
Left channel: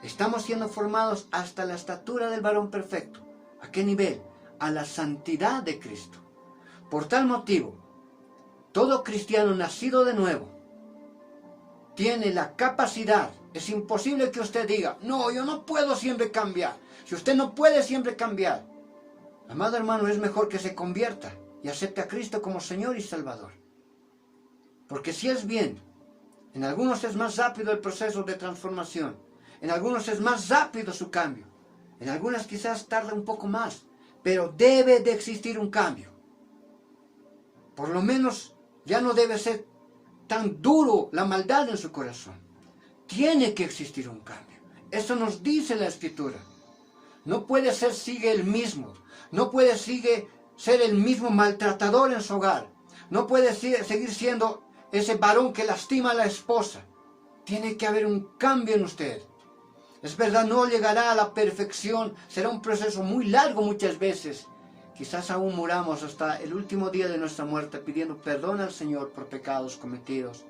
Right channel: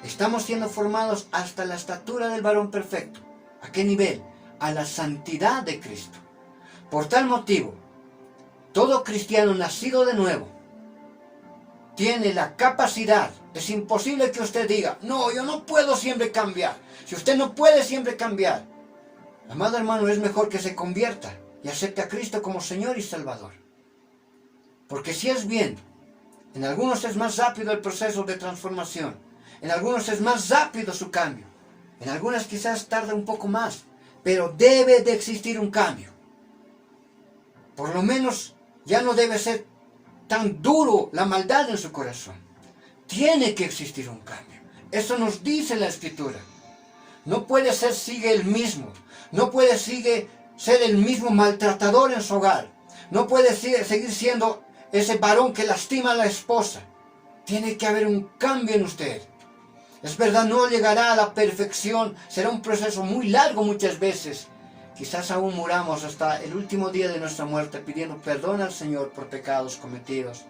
Estamos siendo formados hasta la estatura del varón perfecto. ¿A qué nivel? A la santidad de Cristo. Por tal motivo, todo cristiano nacido de nuevo tiene la capacidad. Es imposible que usted diga, no, yo no puedo siempre cambiar. Si usted no puede siempre cambiar, amado hermano, es mejor que se convierta y acepte a Cristo como Señor y Salvador. Porque si es bien, en algunos es más rápido el proceso de transformación, en algunos es más rápido su cambio, en algunas quizás tarda un poco más, pero debe de existir un cambio. Por lo menos ya no debe ser tan duro la maldad en su corazón. Tiene que existir un cambio. Eso nos dice la Escritura. No puede ser sigue el mismo. No puede ser el mismo maltratador en su hogar. No puede seguir siendo ese varón que lastima a la esposa. Tiene que haber un cambio en usted. Es verdad, no llegará a la perfección. Será un proceso muy largo muchas veces. Quizás aún muramos hasta el último día de nuestra muerte pidiendo perdón al Señor por pecados cometidos.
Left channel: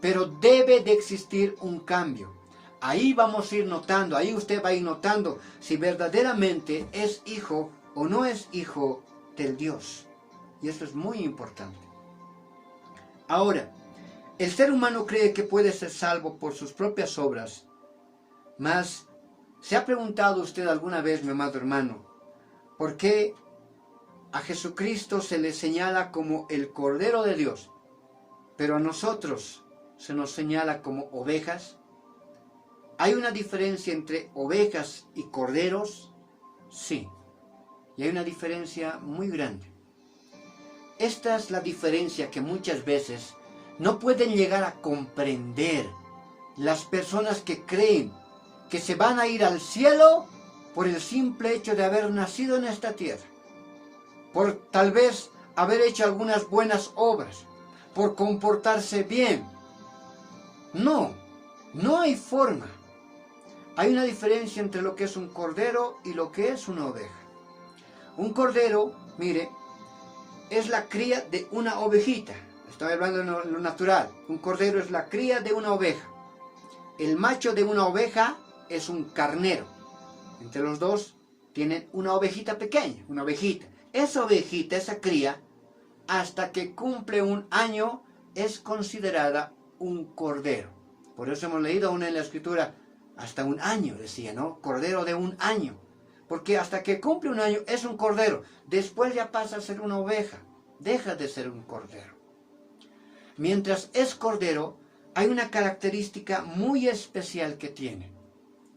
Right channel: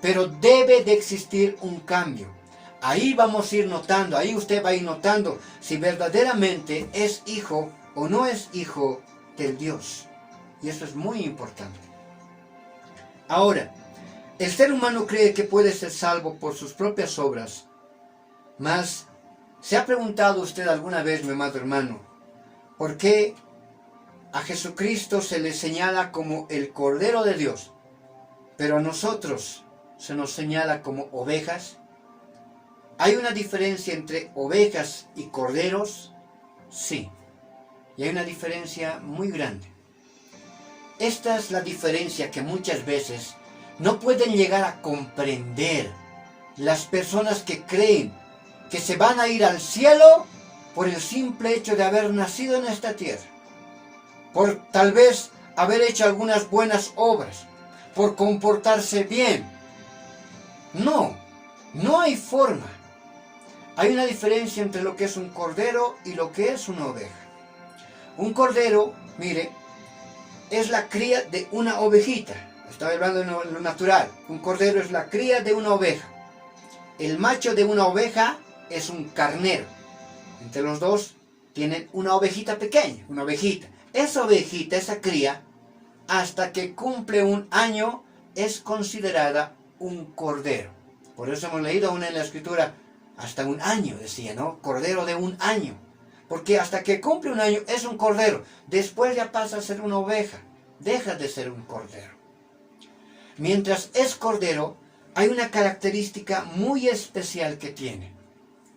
Pero debe de existir un cambio. Ahí vamos a ir notando, ahí usted va a ir notando si verdaderamente es hijo o no es hijo del Dios. Y eso es muy importante. Ahora, el ser humano cree que puede ser salvo por sus propias obras. Mas, ¿se ha preguntado usted alguna vez, mi amado hermano, por qué a Jesucristo se le señala como el Cordero de Dios, pero a nosotros se nos señala como ovejas? ¿Hay una diferencia entre ovejas y corderos? Sí, y hay una diferencia muy grande. Esta es la diferencia que muchas veces no pueden llegar a comprender las personas que creen que se van a ir al cielo por el simple hecho de haber nacido en esta tierra, por tal vez haber hecho algunas buenas obras, por comportarse bien. No, no hay forma. Hay una diferencia entre lo que es un cordero y lo que es una oveja. Un cordero, mire, es la cría de una ovejita. Estoy hablando de lo natural. Un cordero es la cría de una oveja. El macho de una oveja es un carnero. Entre los dos tienen una ovejita pequeña, una ovejita. Esa ovejita, esa cría, hasta que cumple un año, es considerada un cordero. Por eso hemos leído aún en la Escritura, hasta un año, decía, ¿no? Cordero de un año. Porque hasta que cumple un año es un cordero. Después ya pasa a ser una oveja. Deja de ser un cordero. Mientras es cordero, hay una característica muy especial que tiene.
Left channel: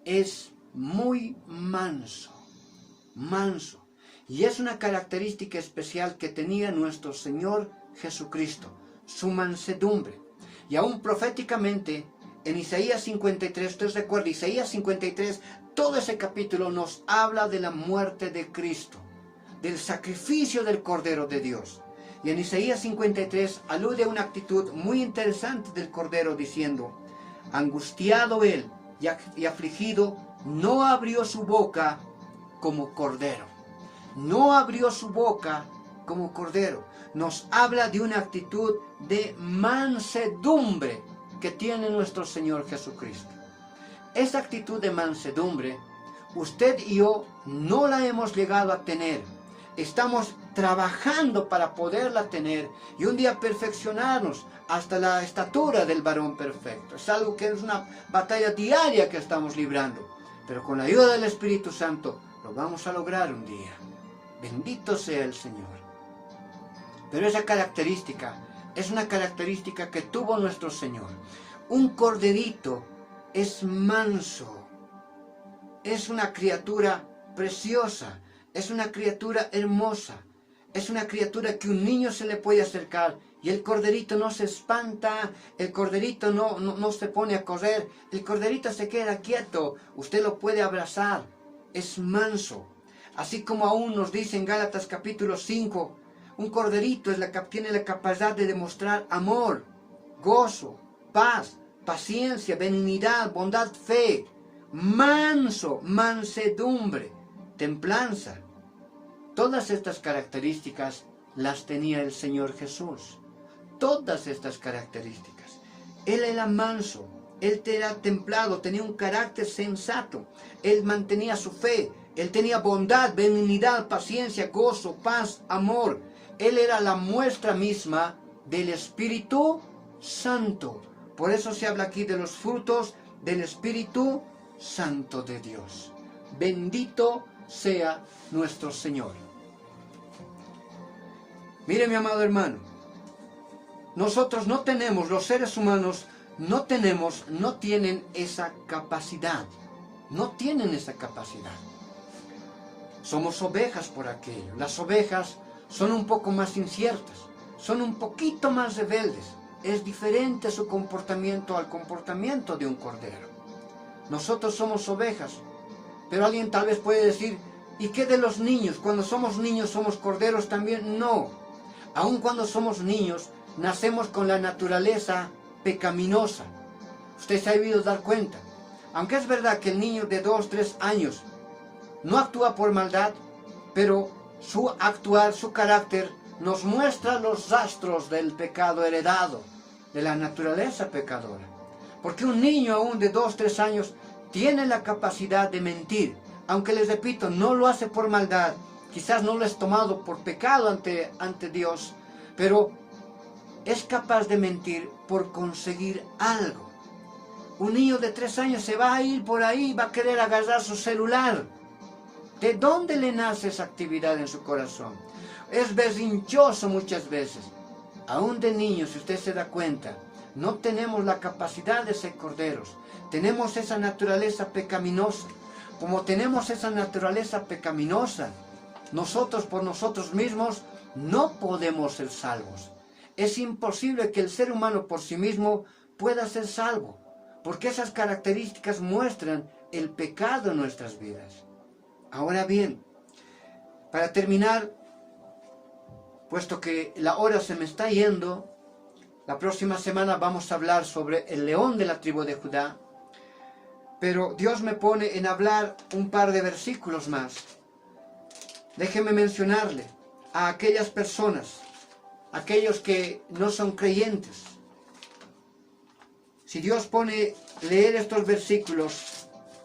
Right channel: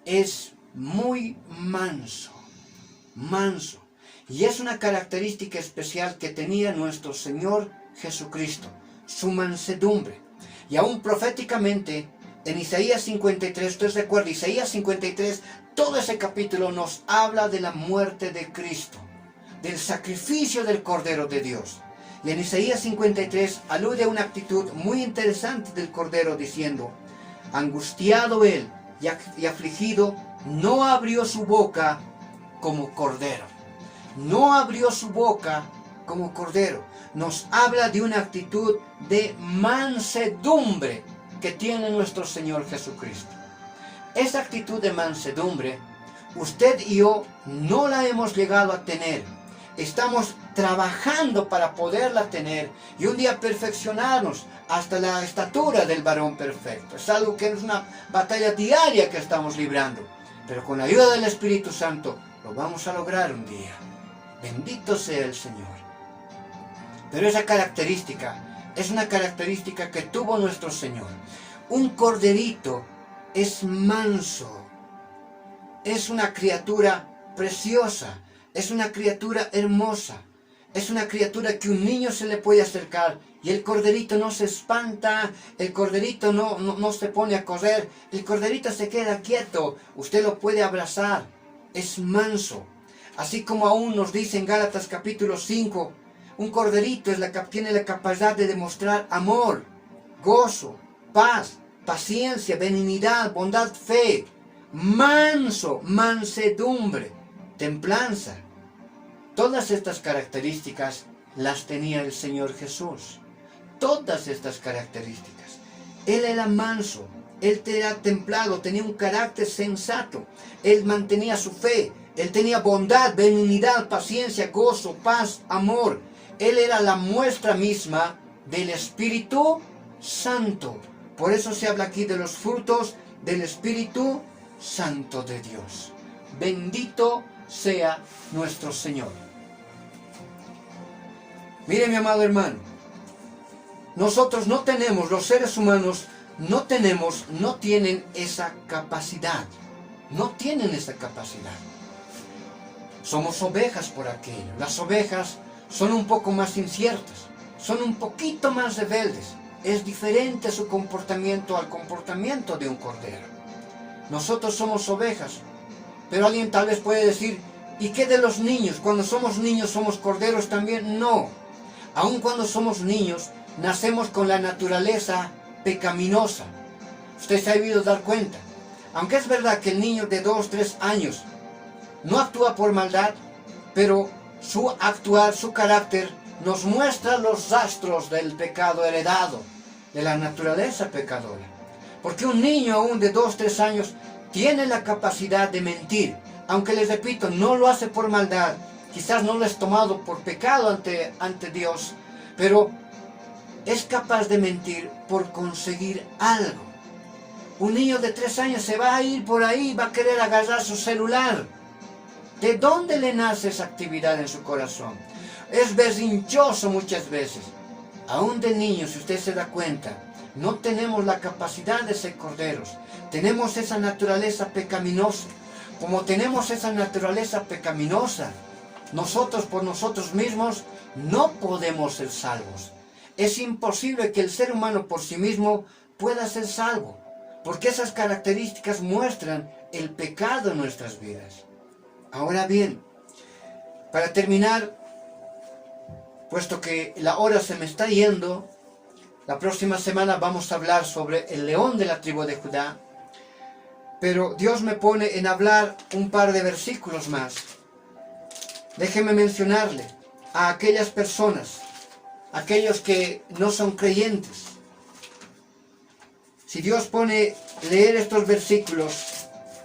Es muy manso. Manso. Y es una característica especial que tenía nuestro Señor Jesucristo. Su mansedumbre. Y aún proféticamente, en Isaías 53, usted recuerda, Isaías 53, todo ese capítulo nos habla de la muerte de Cristo, del sacrificio del Cordero de Dios. Y en Isaías 53 alude a una actitud muy interesante del Cordero diciendo, angustiado él y afligido, no abrió su boca como Cordero. No abrió su boca como Cordero. Nos habla de una actitud de mansedumbre que tiene nuestro Señor Jesucristo. Esa actitud de mansedumbre usted y yo no la hemos llegado a tener. Estamos trabajando para poderla tener y un día perfeccionarnos hasta la estatura del varón perfecto. Es algo que es una batalla diaria que estamos librando, pero con la ayuda del Espíritu Santo lo vamos a lograr un día. Bendito sea el Señor. Pero esa característica es una característica que tuvo nuestro Señor. Un corderito es manso, es una criatura preciosa, es una criatura hermosa, es una criatura que un niño se le puede acercar y el corderito no se espanta, el corderito no se pone a correr, el corderito se queda quieto, usted lo puede abrazar, es manso. Así como aún nos dice en Gálatas capítulo 5, un corderito tiene la capacidad de demostrar amor, gozo, paz, paciencia, benignidad, bondad, fe, manso, mansedumbre, templanza. Todas estas características las tenía el Señor Jesús. Todas estas características. Él era manso, él era templado, tenía un carácter sensato, él mantenía su fe, él tenía bondad, benignidad, paciencia, gozo, paz, amor. Él era la muestra misma del Espíritu Santo. Por eso se habla aquí de los frutos del Espíritu Santo de Dios. Bendito sea nuestro Señor. Mire, mi amado hermano, nosotros no tenemos, los seres humanos no tienen esa capacidad. No tienen esa capacidad. Somos ovejas por aquello. Las ovejas son un poco más inciertas, son un poquito más rebeldes. Es diferente su comportamiento al comportamiento de un cordero. Nosotros somos ovejas, pero alguien tal vez puede decir, ¿y qué de los niños? Cuando somos niños somos corderos también. No, aun cuando somos niños, nacemos con la naturaleza pecaminosa. Usted se ha debido dar cuenta. Aunque es verdad que el niño de 2, 3 años no actúa por maldad, pero su actuar, su carácter, nos muestra los rastros del pecado heredado, de la naturaleza pecadora. Porque un niño aún de 2, 3 años tiene la capacidad de mentir, aunque les repito, no lo hace por maldad, quizás no lo es tomado por pecado ante Dios, pero es capaz de mentir por conseguir algo. Un niño de 3 años se va a ir por ahí, va a querer agarrar su celular. ¿De dónde le nace esa actividad en su corazón? Es berrinchoso muchas veces. Aún de niños, si usted se da cuenta, no tenemos la capacidad de ser corderos. Tenemos esa naturaleza pecaminosa. Como tenemos esa naturaleza pecaminosa, nosotros por nosotros mismos no podemos ser salvos. Es imposible que el ser humano por sí mismo pueda ser salvo, porque esas características muestran el pecado en nuestras vidas. Ahora bien, para terminar, puesto que la hora se me está yendo, la próxima semana vamos a hablar sobre el león de la tribu de Judá, pero Dios me pone en hablar un par de versículos más. Déjeme mencionarle a aquellas personas, aquellos que no son creyentes. Si Dios pone leer estos versículos,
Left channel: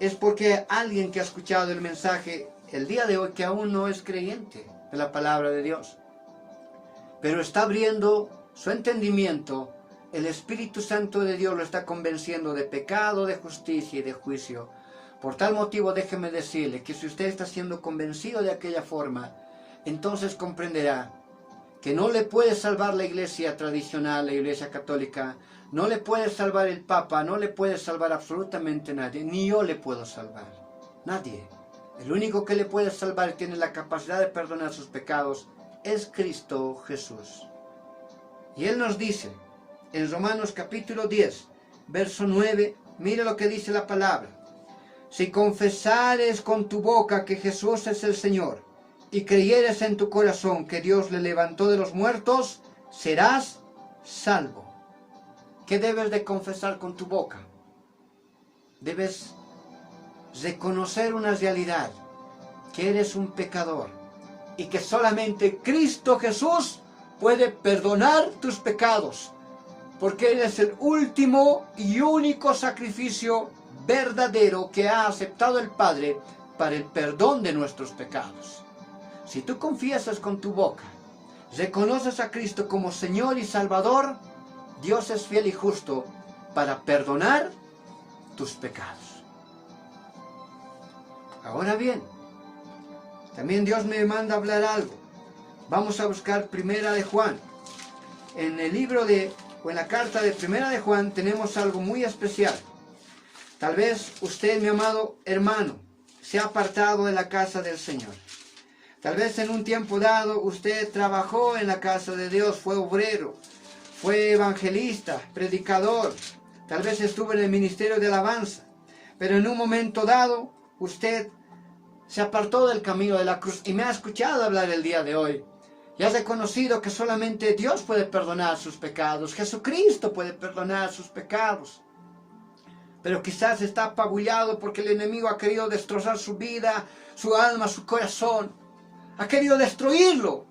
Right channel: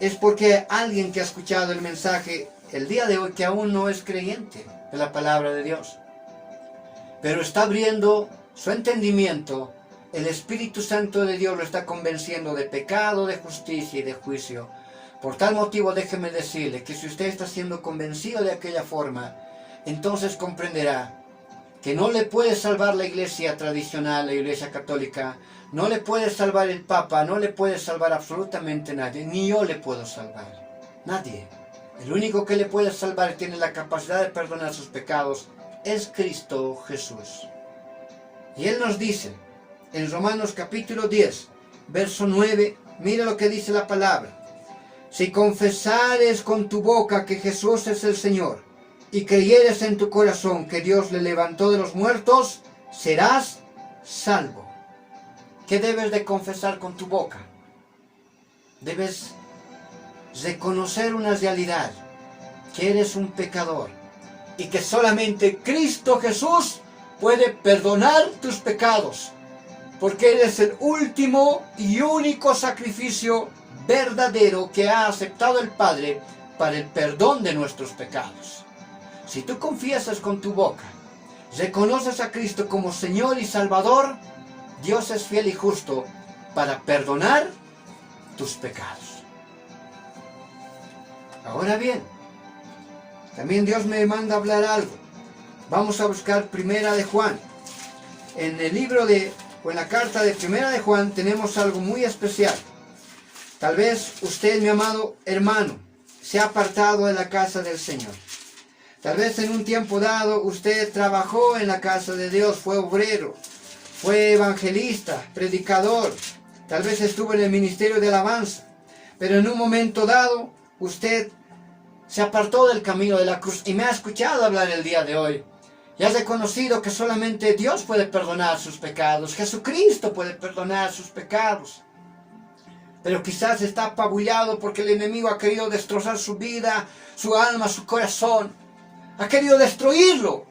es porque hay alguien que ha escuchado el mensaje el día de hoy que aún no es creyente de la palabra de Dios, pero está abriendo su entendimiento. El Espíritu Santo de Dios lo está convenciendo de pecado, de justicia y de juicio. Por tal motivo, déjeme decirle que si usted está siendo convencido de aquella forma, entonces comprenderá que no le puede salvar la iglesia tradicional, la iglesia católica, no le puede salvar el Papa, no le puede salvar absolutamente nadie, ni yo le puedo salvar, nadie. El único que le puede salvar y tiene la capacidad de perdonar sus pecados es Cristo Jesús. Y Él nos dice, en Romanos capítulo 10, verso 9, mira lo que dice la palabra. Si confesares con tu boca que Jesús es el Señor, y creyeres en tu corazón que Dios le levantó de los muertos, serás salvo. ¿Qué debes de confesar con tu boca? Debes reconocer una realidad, que eres un pecador, y que solamente Cristo Jesús puede perdonar tus pecados, porque Él es el último y único sacrificio verdadero que ha aceptado el Padre para el perdón de nuestros pecados. Si tú confiesas con tu boca, reconoces a Cristo como Señor y Salvador, Dios es fiel y justo para perdonar tus pecados. Ahora bien, también Dios me manda hablar algo. Vamos a buscar Primera de Juan. En el libro o en la carta de Primera de Juan tenemos algo muy especial. Tal vez usted, mi amado hermano, se ha apartado de la casa del Señor. Tal vez en un tiempo dado usted trabajó en la casa de Dios, fue obrero, fue evangelista, predicador. Tal vez estuvo en el ministerio de alabanza. Pero en un momento dado usted se apartó del camino de la cruz y me ha escuchado hablar el día de hoy. Y ha reconocido que solamente Dios puede perdonar sus pecados. Jesucristo puede perdonar sus pecados. Pero quizás está apabullado porque el enemigo ha querido destrozar su vida, su alma, su corazón. Ha querido destruirlo.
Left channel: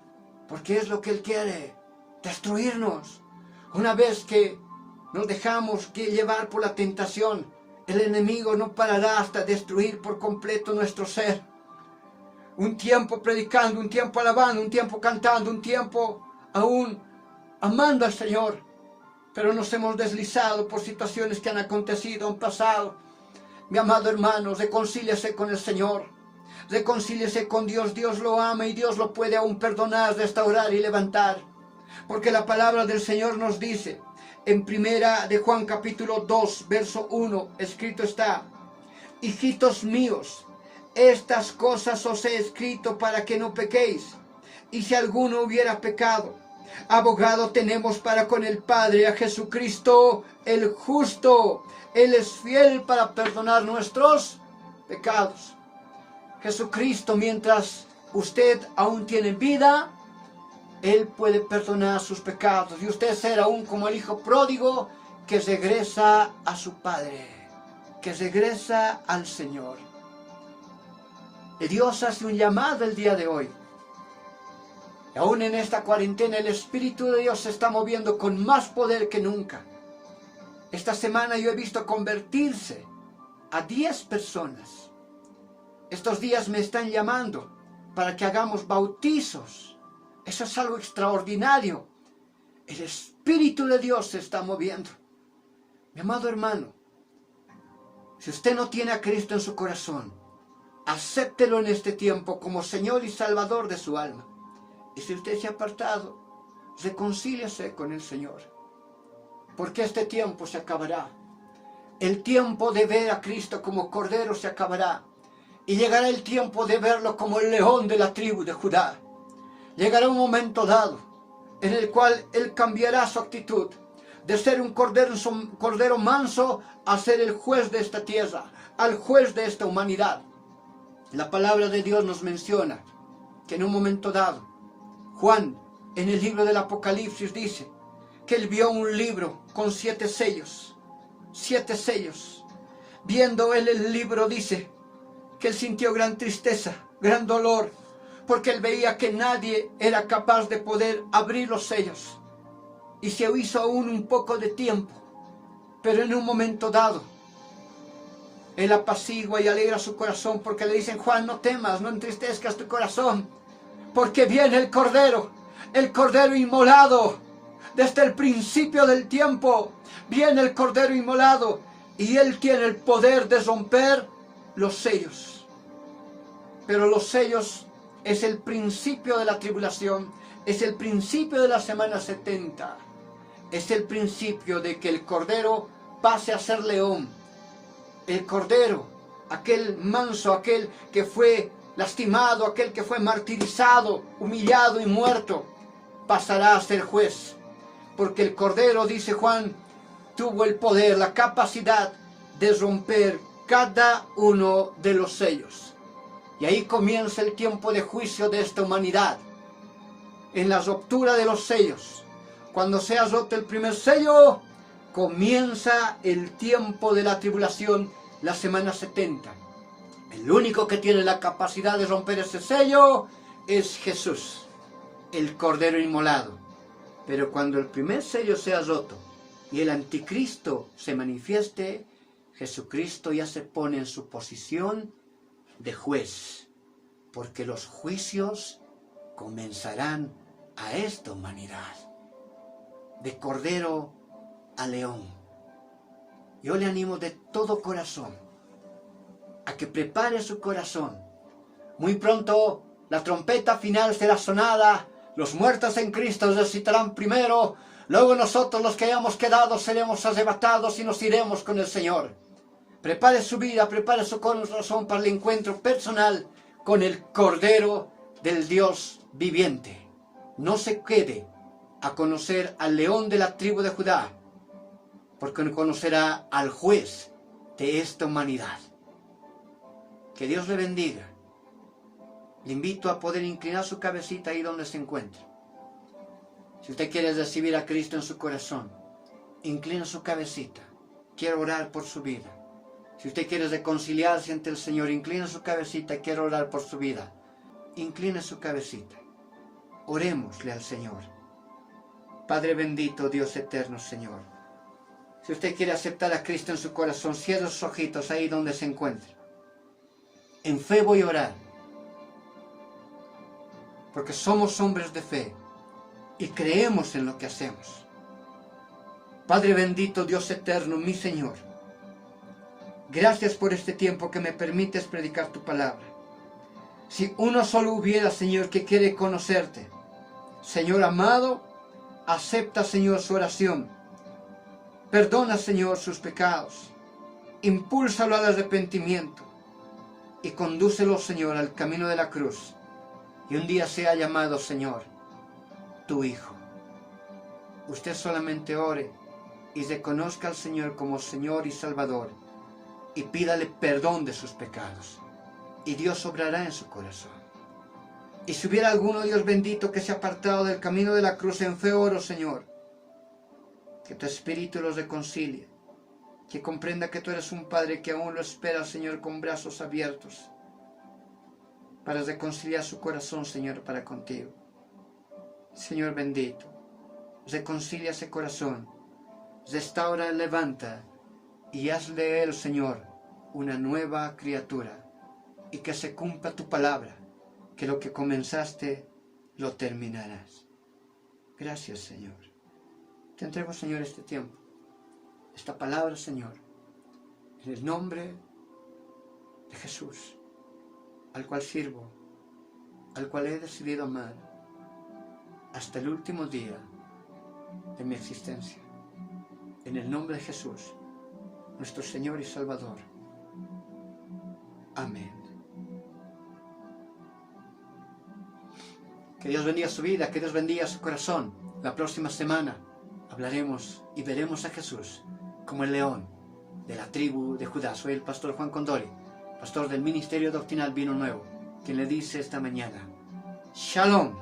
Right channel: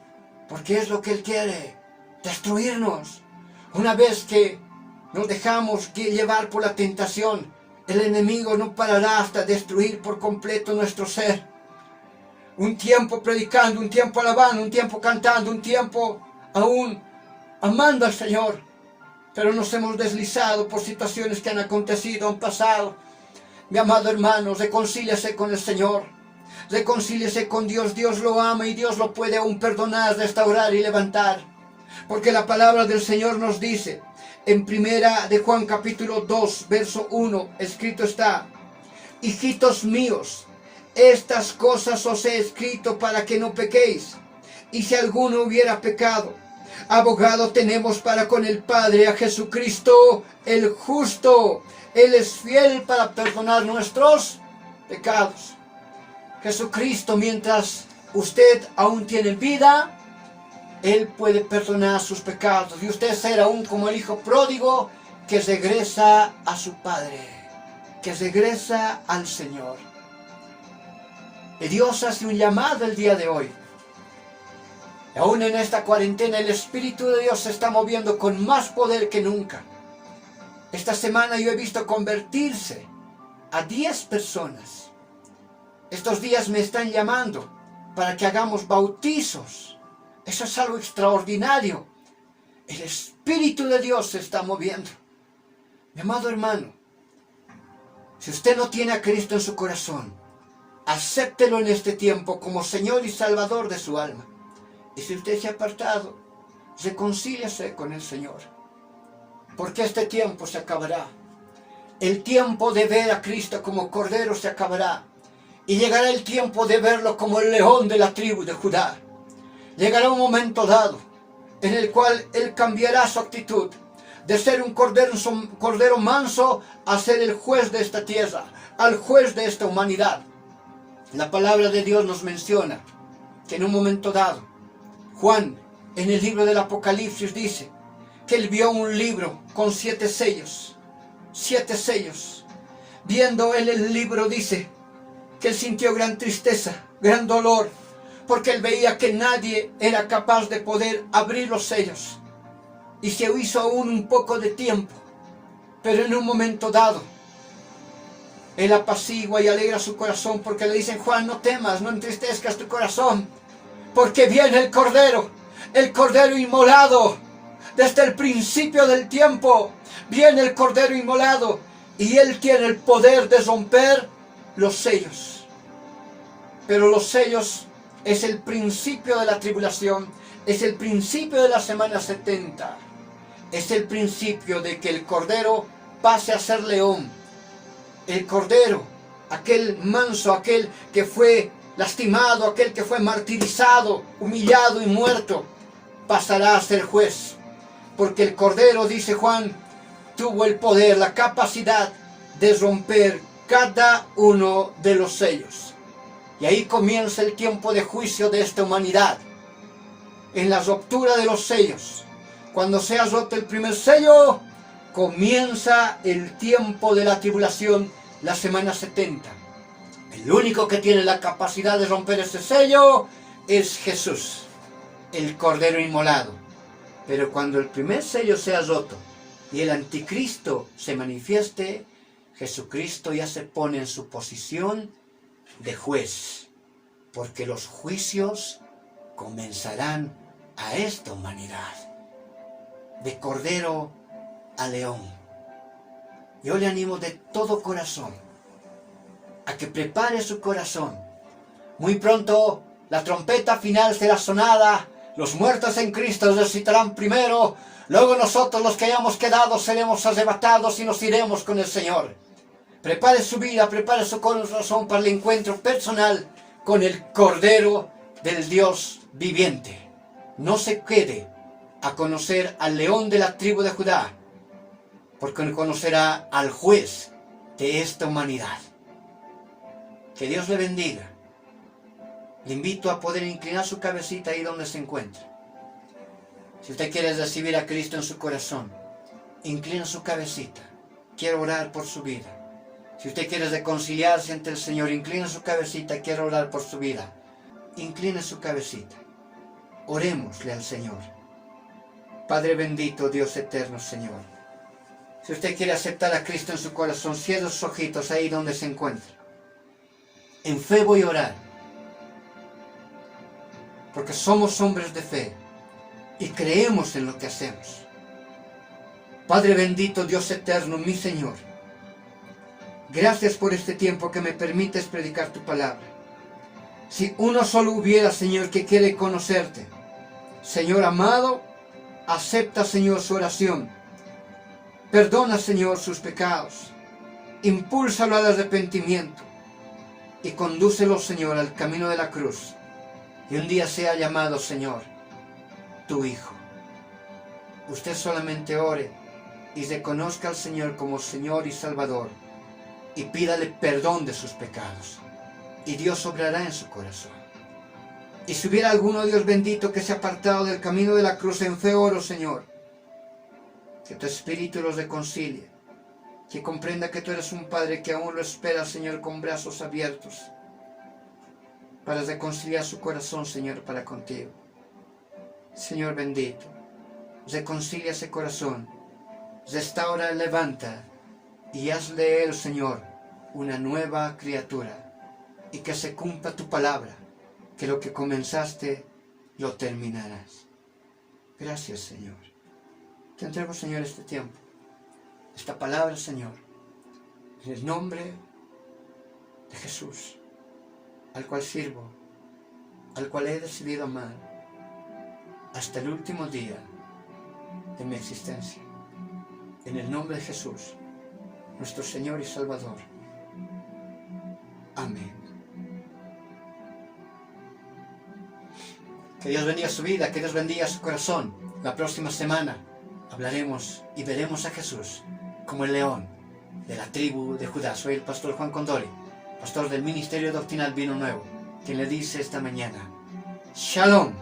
Porque es lo que Él quiere. Destruirnos. Una vez que nos dejamos llevar por la tentación, el enemigo no parará hasta destruir por completo nuestro ser. Un tiempo predicando, un tiempo alabando, un tiempo cantando, un tiempo aún amando al Señor. Pero nos hemos deslizado por situaciones que han acontecido, han pasado. Mi amado hermano, reconcíliese con el Señor. Reconcíliese con Dios. Dios lo ama y Dios lo puede aún perdonar, restaurar y levantar. Porque la palabra del Señor nos dice, en Primera de Juan capítulo 2, verso 1, escrito está: hijitos míos, estas cosas os he escrito para que no pequéis. Y si alguno hubiera pecado, abogado tenemos para con el Padre, a Jesucristo el justo. Él es fiel para perdonar nuestros pecados. Jesucristo, mientras usted aún tiene vida, Él puede perdonar sus pecados. Y usted será aún como el hijo pródigo que regresa a su Padre, que regresa al Señor. Y Dios hace un llamado el día de hoy. Y aún en esta cuarentena el Espíritu de Dios se está moviendo con más poder que nunca. Esta semana yo he visto convertirse a 10 personas. Estos días me están llamando para que hagamos bautizos. Eso es algo extraordinario. El Espíritu de Dios se está moviendo. Mi amado hermano, si usted no tiene a Cristo en su corazón, acéptelo en este tiempo como Señor y Salvador de su alma. Y si usted se ha apartado, reconcíliese con el Señor. Porque este tiempo se acabará. El tiempo de ver a Cristo como Cordero se acabará. Y llegará el tiempo de verlo como el león de la tribu de Judá. Llegará un momento dado en el cual Él cambiará su actitud de ser un cordero manso a ser el juez de esta tierra, al juez de esta humanidad. La palabra de Dios nos menciona que en un momento dado, Juan, en el libro del Apocalipsis, dice que él vio un libro con 7 sellos. 7 sellos. Viendo él el libro, dice que él sintió gran tristeza, gran dolor, porque él veía que nadie era capaz de poder abrir los sellos. Y se hizo aún un poco de tiempo, pero en un momento dado, él apacigua y alegra su corazón, porque le dicen: Juan, no temas, no entristezcas tu corazón, porque viene el Cordero inmolado. Desde el principio del tiempo viene el Cordero inmolado, y Él tiene el poder de romper los sellos. Pero los sellos es el principio de la tribulación, es el principio de la semana 70. Es el principio de que el Cordero pase a ser león. El Cordero, aquel manso, aquel que fue lastimado, aquel que fue martirizado, humillado y muerto, pasará a ser juez. Porque el Cordero, dice Juan, tuvo el poder, la capacidad de romper cada uno de los sellos. Y ahí comienza el tiempo de juicio de esta humanidad. En la ruptura de los sellos. Cuando sea roto el primer sello, comienza el tiempo de la tribulación, la semana 70. El único que tiene la capacidad de romper ese sello es Jesús, el Cordero inmolado. Pero cuando el primer sello sea roto y el anticristo se manifieste, Jesucristo ya se pone en su posición de juez, porque los juicios comenzarán a esta humanidad, de cordero a león. Yo le animo de todo corazón a que prepare su corazón. Muy pronto la trompeta final será sonada, los muertos en Cristo resucitarán primero, luego nosotros los que hayamos quedado seremos arrebatados y nos iremos con el Señor. Prepare su vida, prepare su corazón para el encuentro personal con el Cordero del Dios viviente. No se quede a conocer al león de la tribu de Judá, porque conocerá al juez de esta humanidad. Que Dios le bendiga. Le invito a poder inclinar su cabecita ahí donde se encuentra. Si usted quiere recibir a Cristo en su corazón, inclina su cabecita. Quiero orar por su vida. Si usted quiere reconciliarse ante el Señor, inclina su cabecita. Quiero orar por su vida. Inclina su cabecita. Orémosle al Señor. Padre bendito, Dios eterno, Señor. Si usted quiere aceptar a Cristo en su corazón, cierre sus ojitos ahí donde se encuentra. En fe voy a orar. Porque somos hombres de fe y creemos en lo que hacemos. Padre bendito, Dios eterno, mi Señor, gracias por este tiempo que me permites predicar tu palabra. Si uno solo hubiera, Señor, que quiere conocerte, Señor amado, acepta, Señor, su oración. Perdona, Señor, sus pecados. Impúlsalo al arrepentimiento y condúcelo, Señor, al camino de la cruz. Y un día sea llamado, Señor, tu Hijo. Usted solamente ore y reconozca al Señor como Señor y Salvador y pídale perdón de sus pecados. Y Dios obrará en su corazón. Y si hubiera alguno, Dios bendito, que se ha apartado del camino de la cruz, en fe oro, Señor, que tu Espíritu los reconcilie, que comprenda que tú eres un Padre que aún lo espera, Señor, con brazos abiertos, para reconciliar su corazón, Señor, para contigo. Señor bendito, reconcilia ese corazón, restaura, levanta y hazle de él, Señor, una nueva criatura, y que se cumpla tu palabra, que lo que comenzaste lo terminarás. Gracias, Señor. Te entrego, Señor, este tiempo, esta palabra, Señor, en el nombre de Jesús, al cual sirvo, al cual he decidido amar hasta el último día de mi existencia. En el nombre de Jesús, nuestro Señor y Salvador. Amén. Que Dios bendiga su vida, que Dios bendiga su corazón. La próxima semana hablaremos y veremos a Jesús como el león de la tribu de Judá. Soy el pastor Juan Condori, pastor del Ministerio Doctrinal Vino Nuevo, quien le dice esta mañana: Shalom.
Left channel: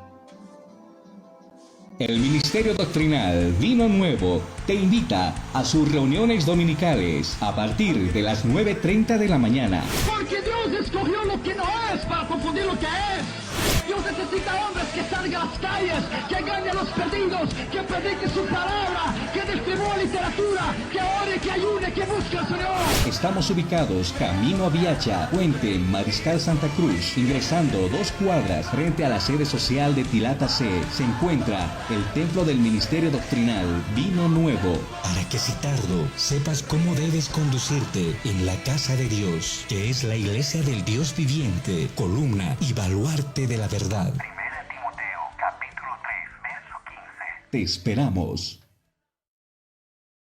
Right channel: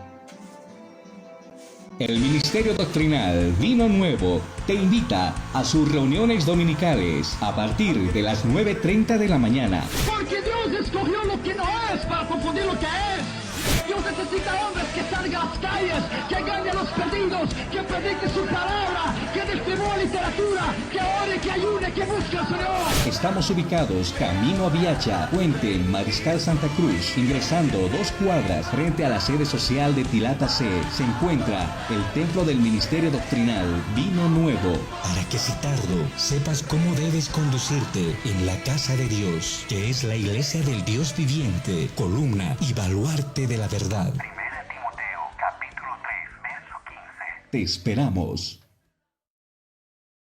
El Ministerio Doctrinal Vino Nuevo te invita a sus reuniones dominicales a partir de las 9:30 de la mañana. Porque Dios escogió lo que no es para confundir lo que es. Dios necesita hombres que salgan a las calles, que ganen a los perdidos, que prediquen su palabra, que distribuyan literatura, que ore, que ayune, que busque al Señor. Estamos ubicados camino a Viacha, Puente, Mariscal Santa Cruz. Ingresando 2 cuadras frente a la sede social de Tilata C, se encuentra el templo del Ministerio Doctrinal Vino Nuevo. Para que si tardo sepas cómo debes conducirte en la casa de Dios, que es la iglesia del Dios viviente, columna y baluarte de la verdad. 1 Timoteo capítulo 3, verso 15. Te esperamos.